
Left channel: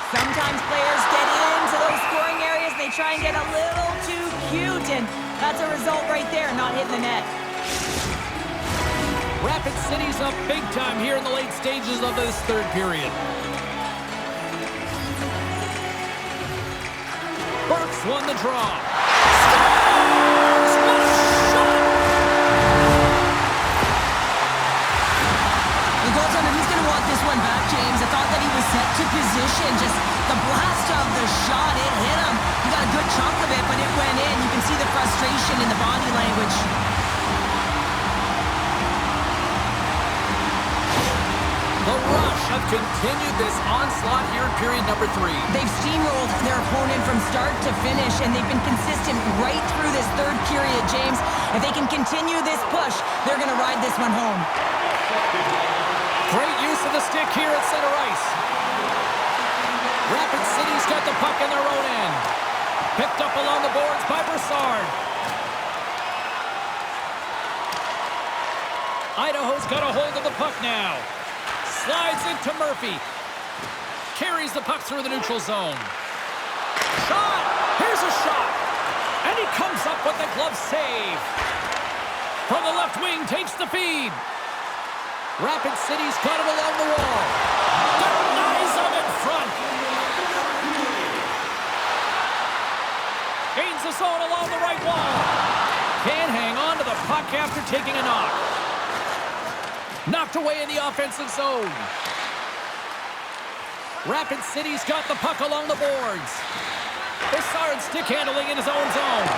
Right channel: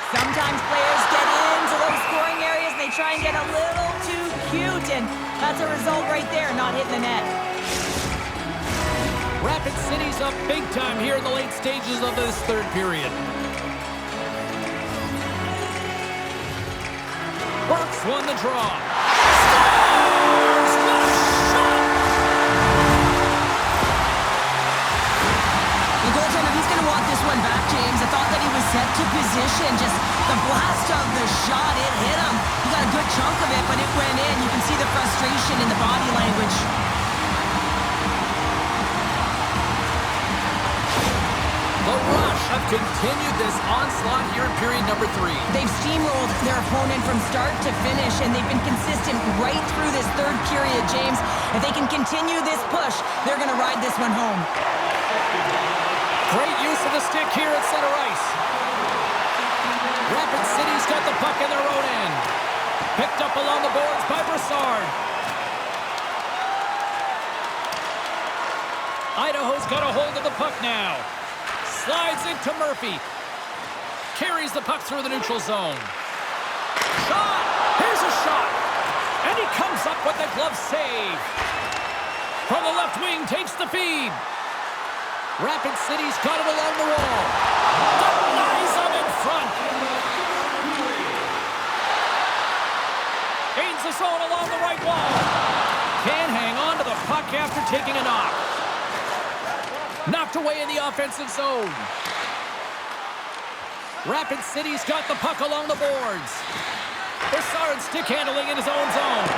Sometimes players get into those scoring areas, they try and get a little too cute, and that's a result right there, not hitting the net. Rapid City's up big time here in the late stages of this third period. Burks won the draw. Scores! What a shot! The goaltender, he's going to want this one back, James. I thought that he was set to position. Just the blast of the shot, it hit him. He got a good chunk of it, but it went in. You can see the frustration in the body language. The Rush have continued this onslaught here in period number 3. They've steamrolled their opponent from start to finish, and they've been consistent right through this third period, James. If they can continue this push, they're going to ride this one home. Great use of the stick here at center ice. Rapid City's got the puck in their own end. Picked up along the boards by Broussard. Idaho's got a hold of the puck now. Slides into Murphy. Carries the puck through the neutral zone. Shot! Here's a shot! And he comes up with the glove save. From the left wing, takes the feed. Rapid City's got it along the wall. Denies him in front. Gains the zone along the right wall. Can't hang on to the puck after taking a knock. Knocked away in the offensive zone. Rapid City's got the puck along the boards. Bessard stick handling in his own zone.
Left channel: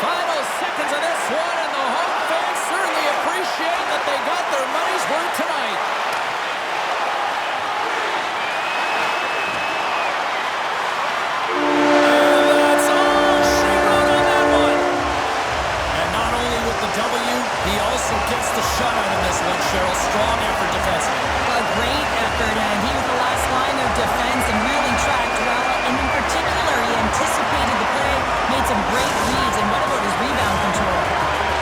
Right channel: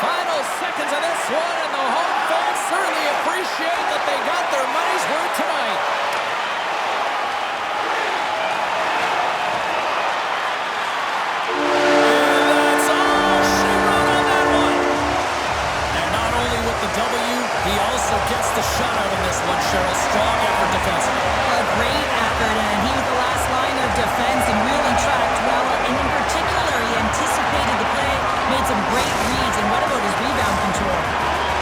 Final seconds of this one, and the home fans certainly appreciate that they got their money's worth tonight. And that's all she wrote on that one. And not only with the W, he also gets the shutout in this one, Cheryl. Strong effort defensively. A great effort, and he was the last line of defense and really tracked well. And in particular, he anticipated the play, made some great reads, and what about his rebound control?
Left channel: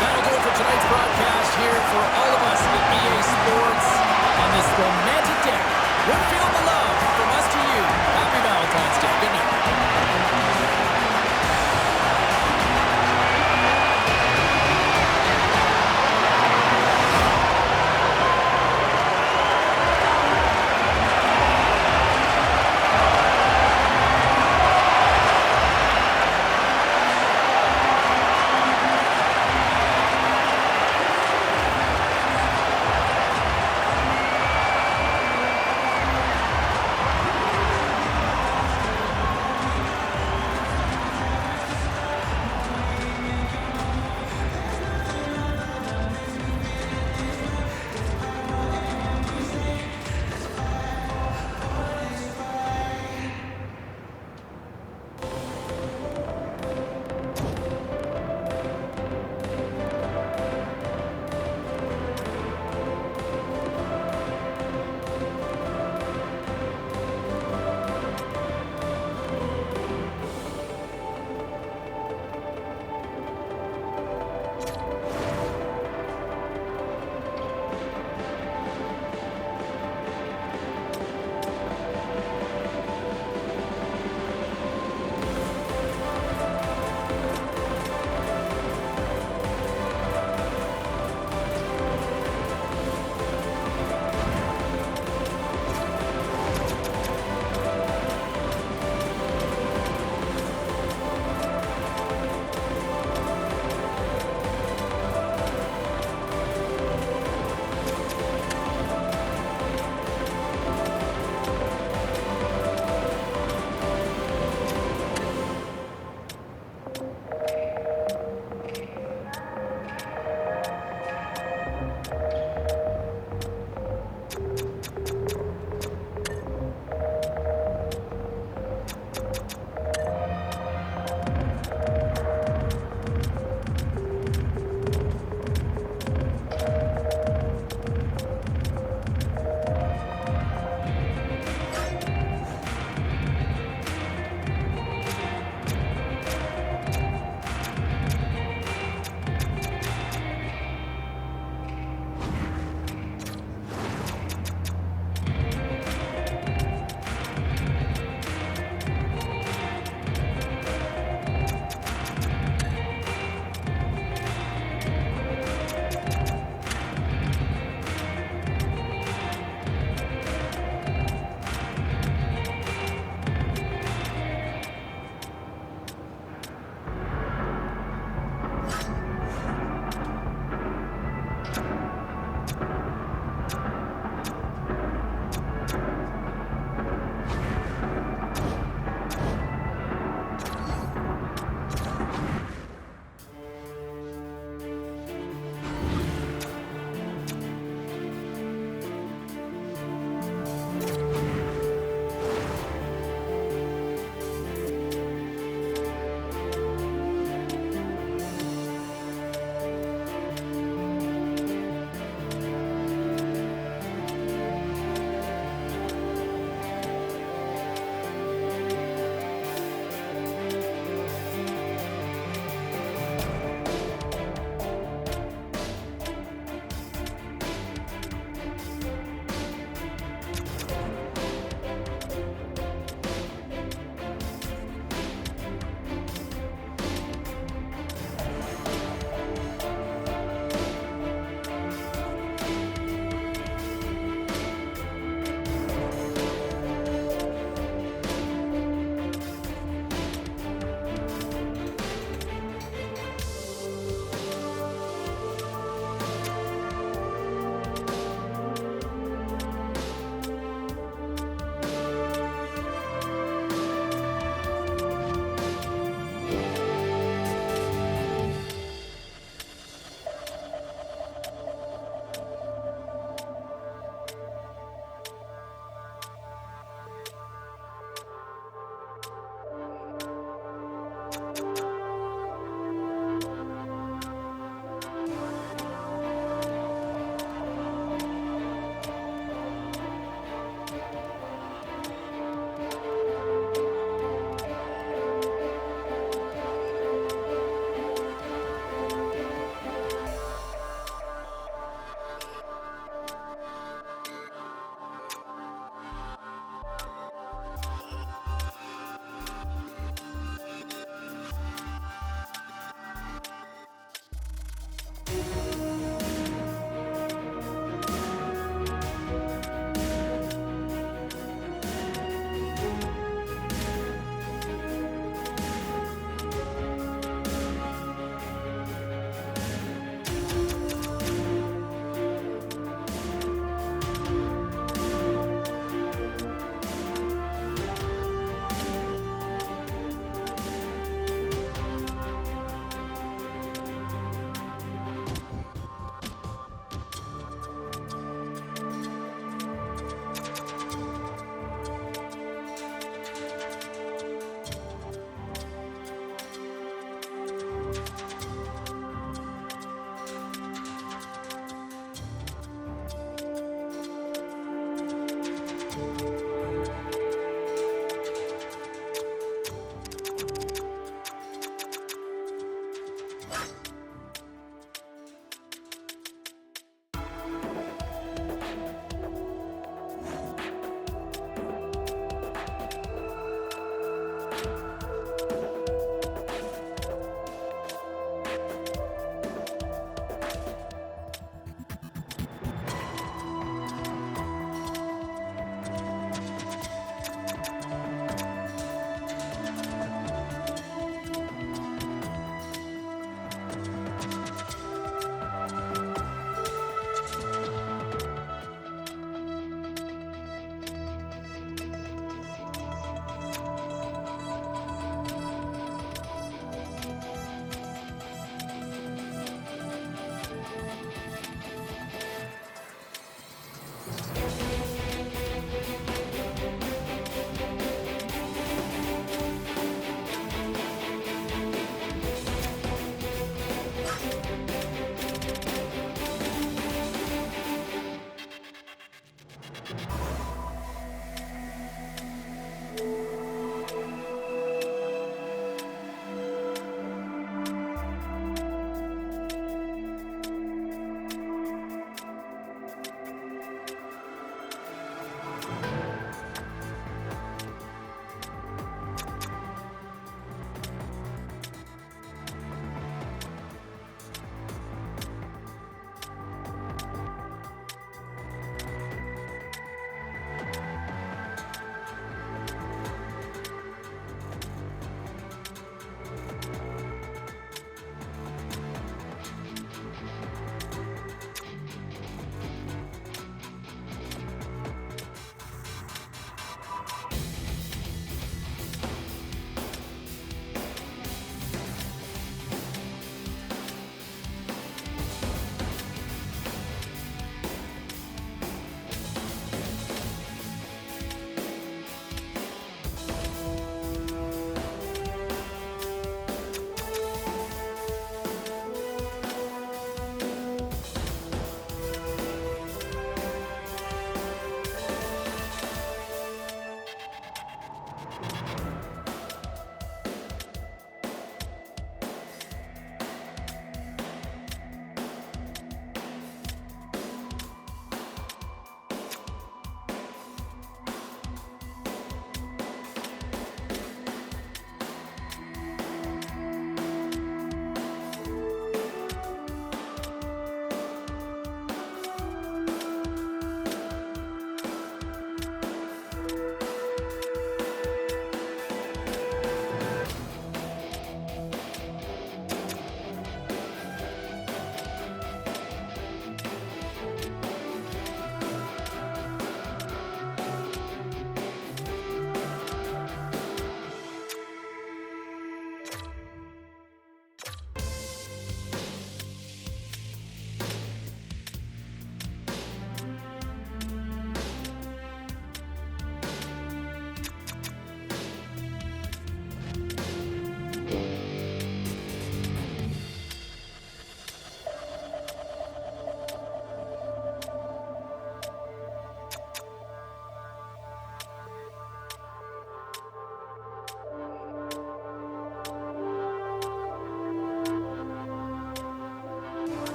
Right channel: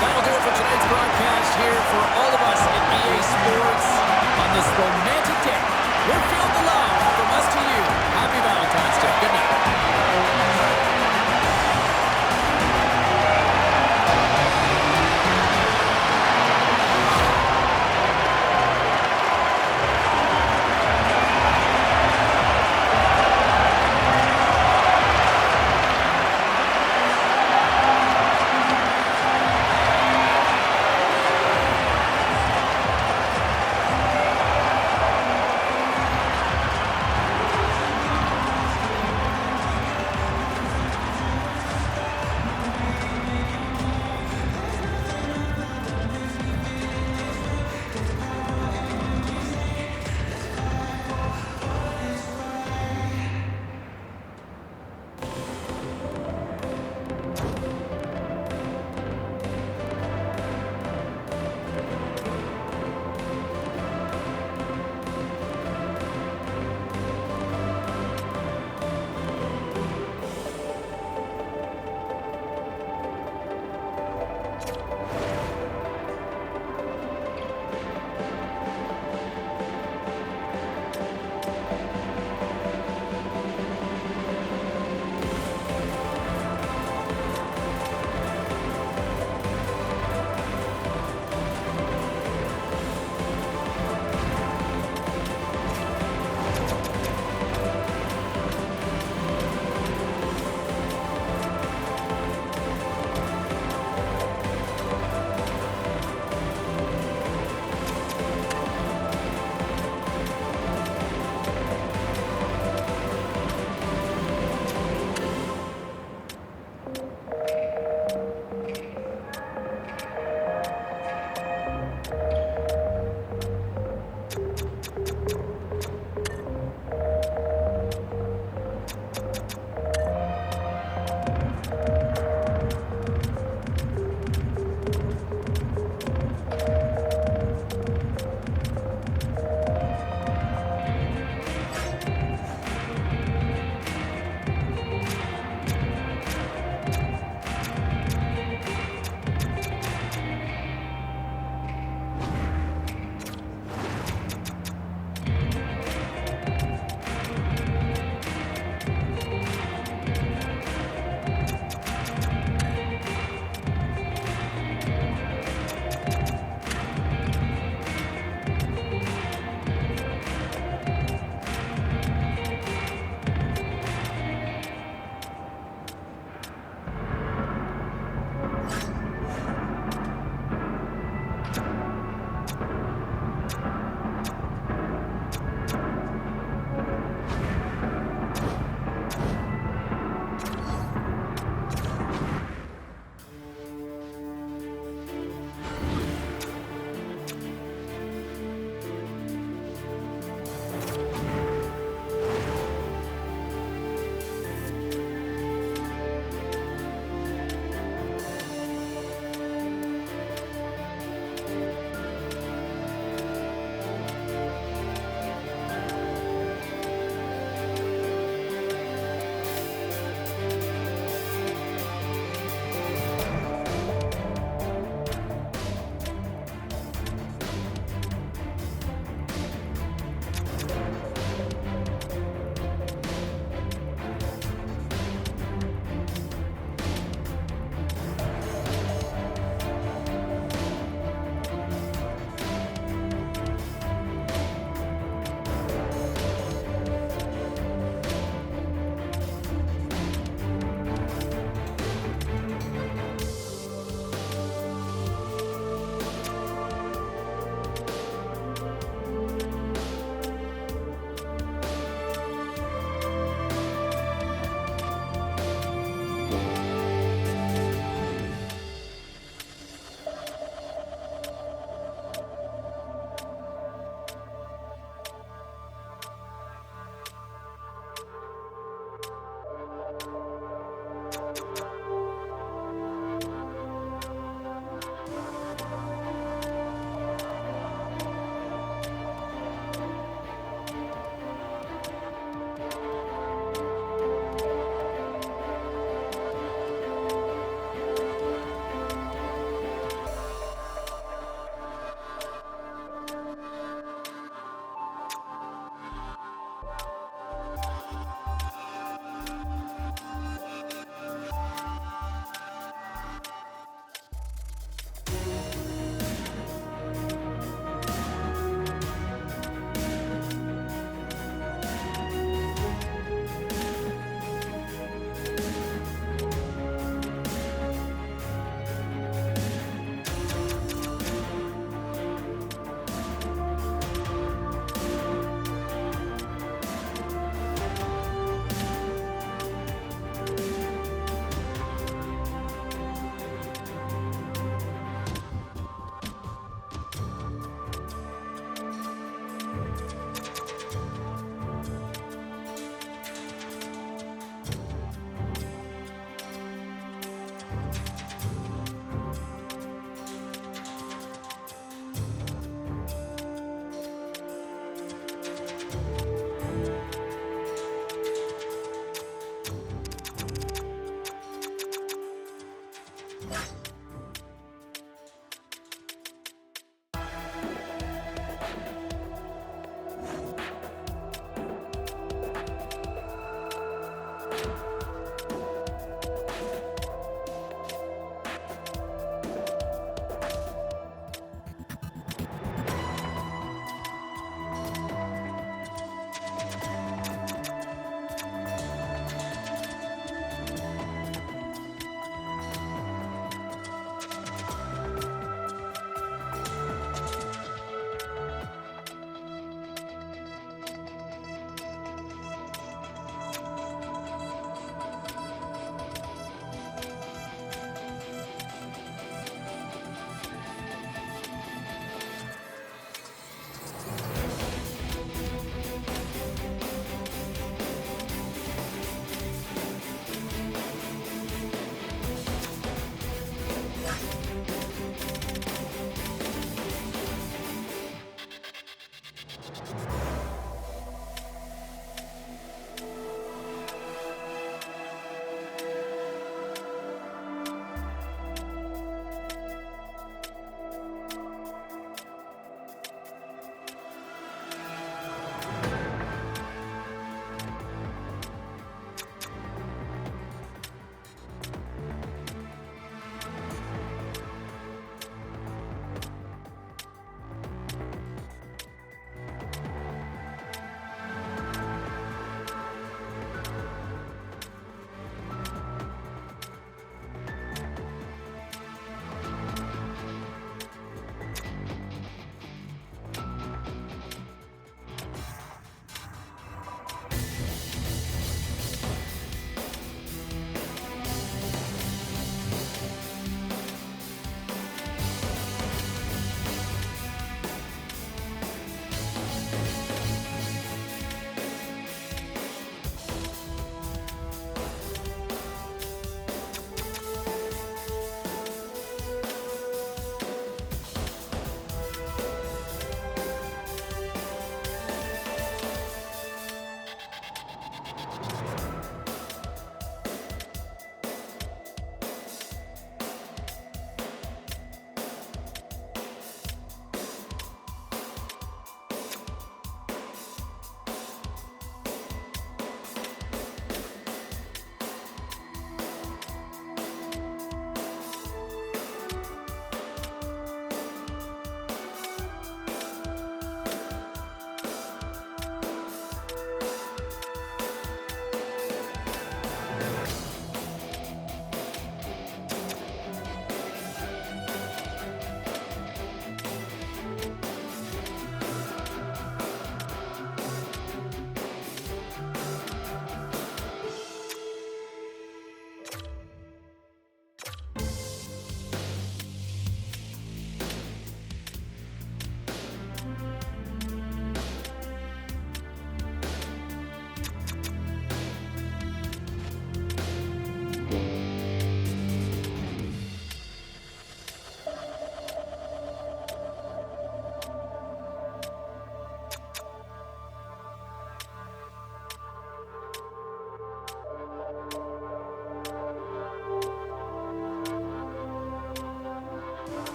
That'll do it for tonight's broadcast here for all of us at EA Sports on this romantic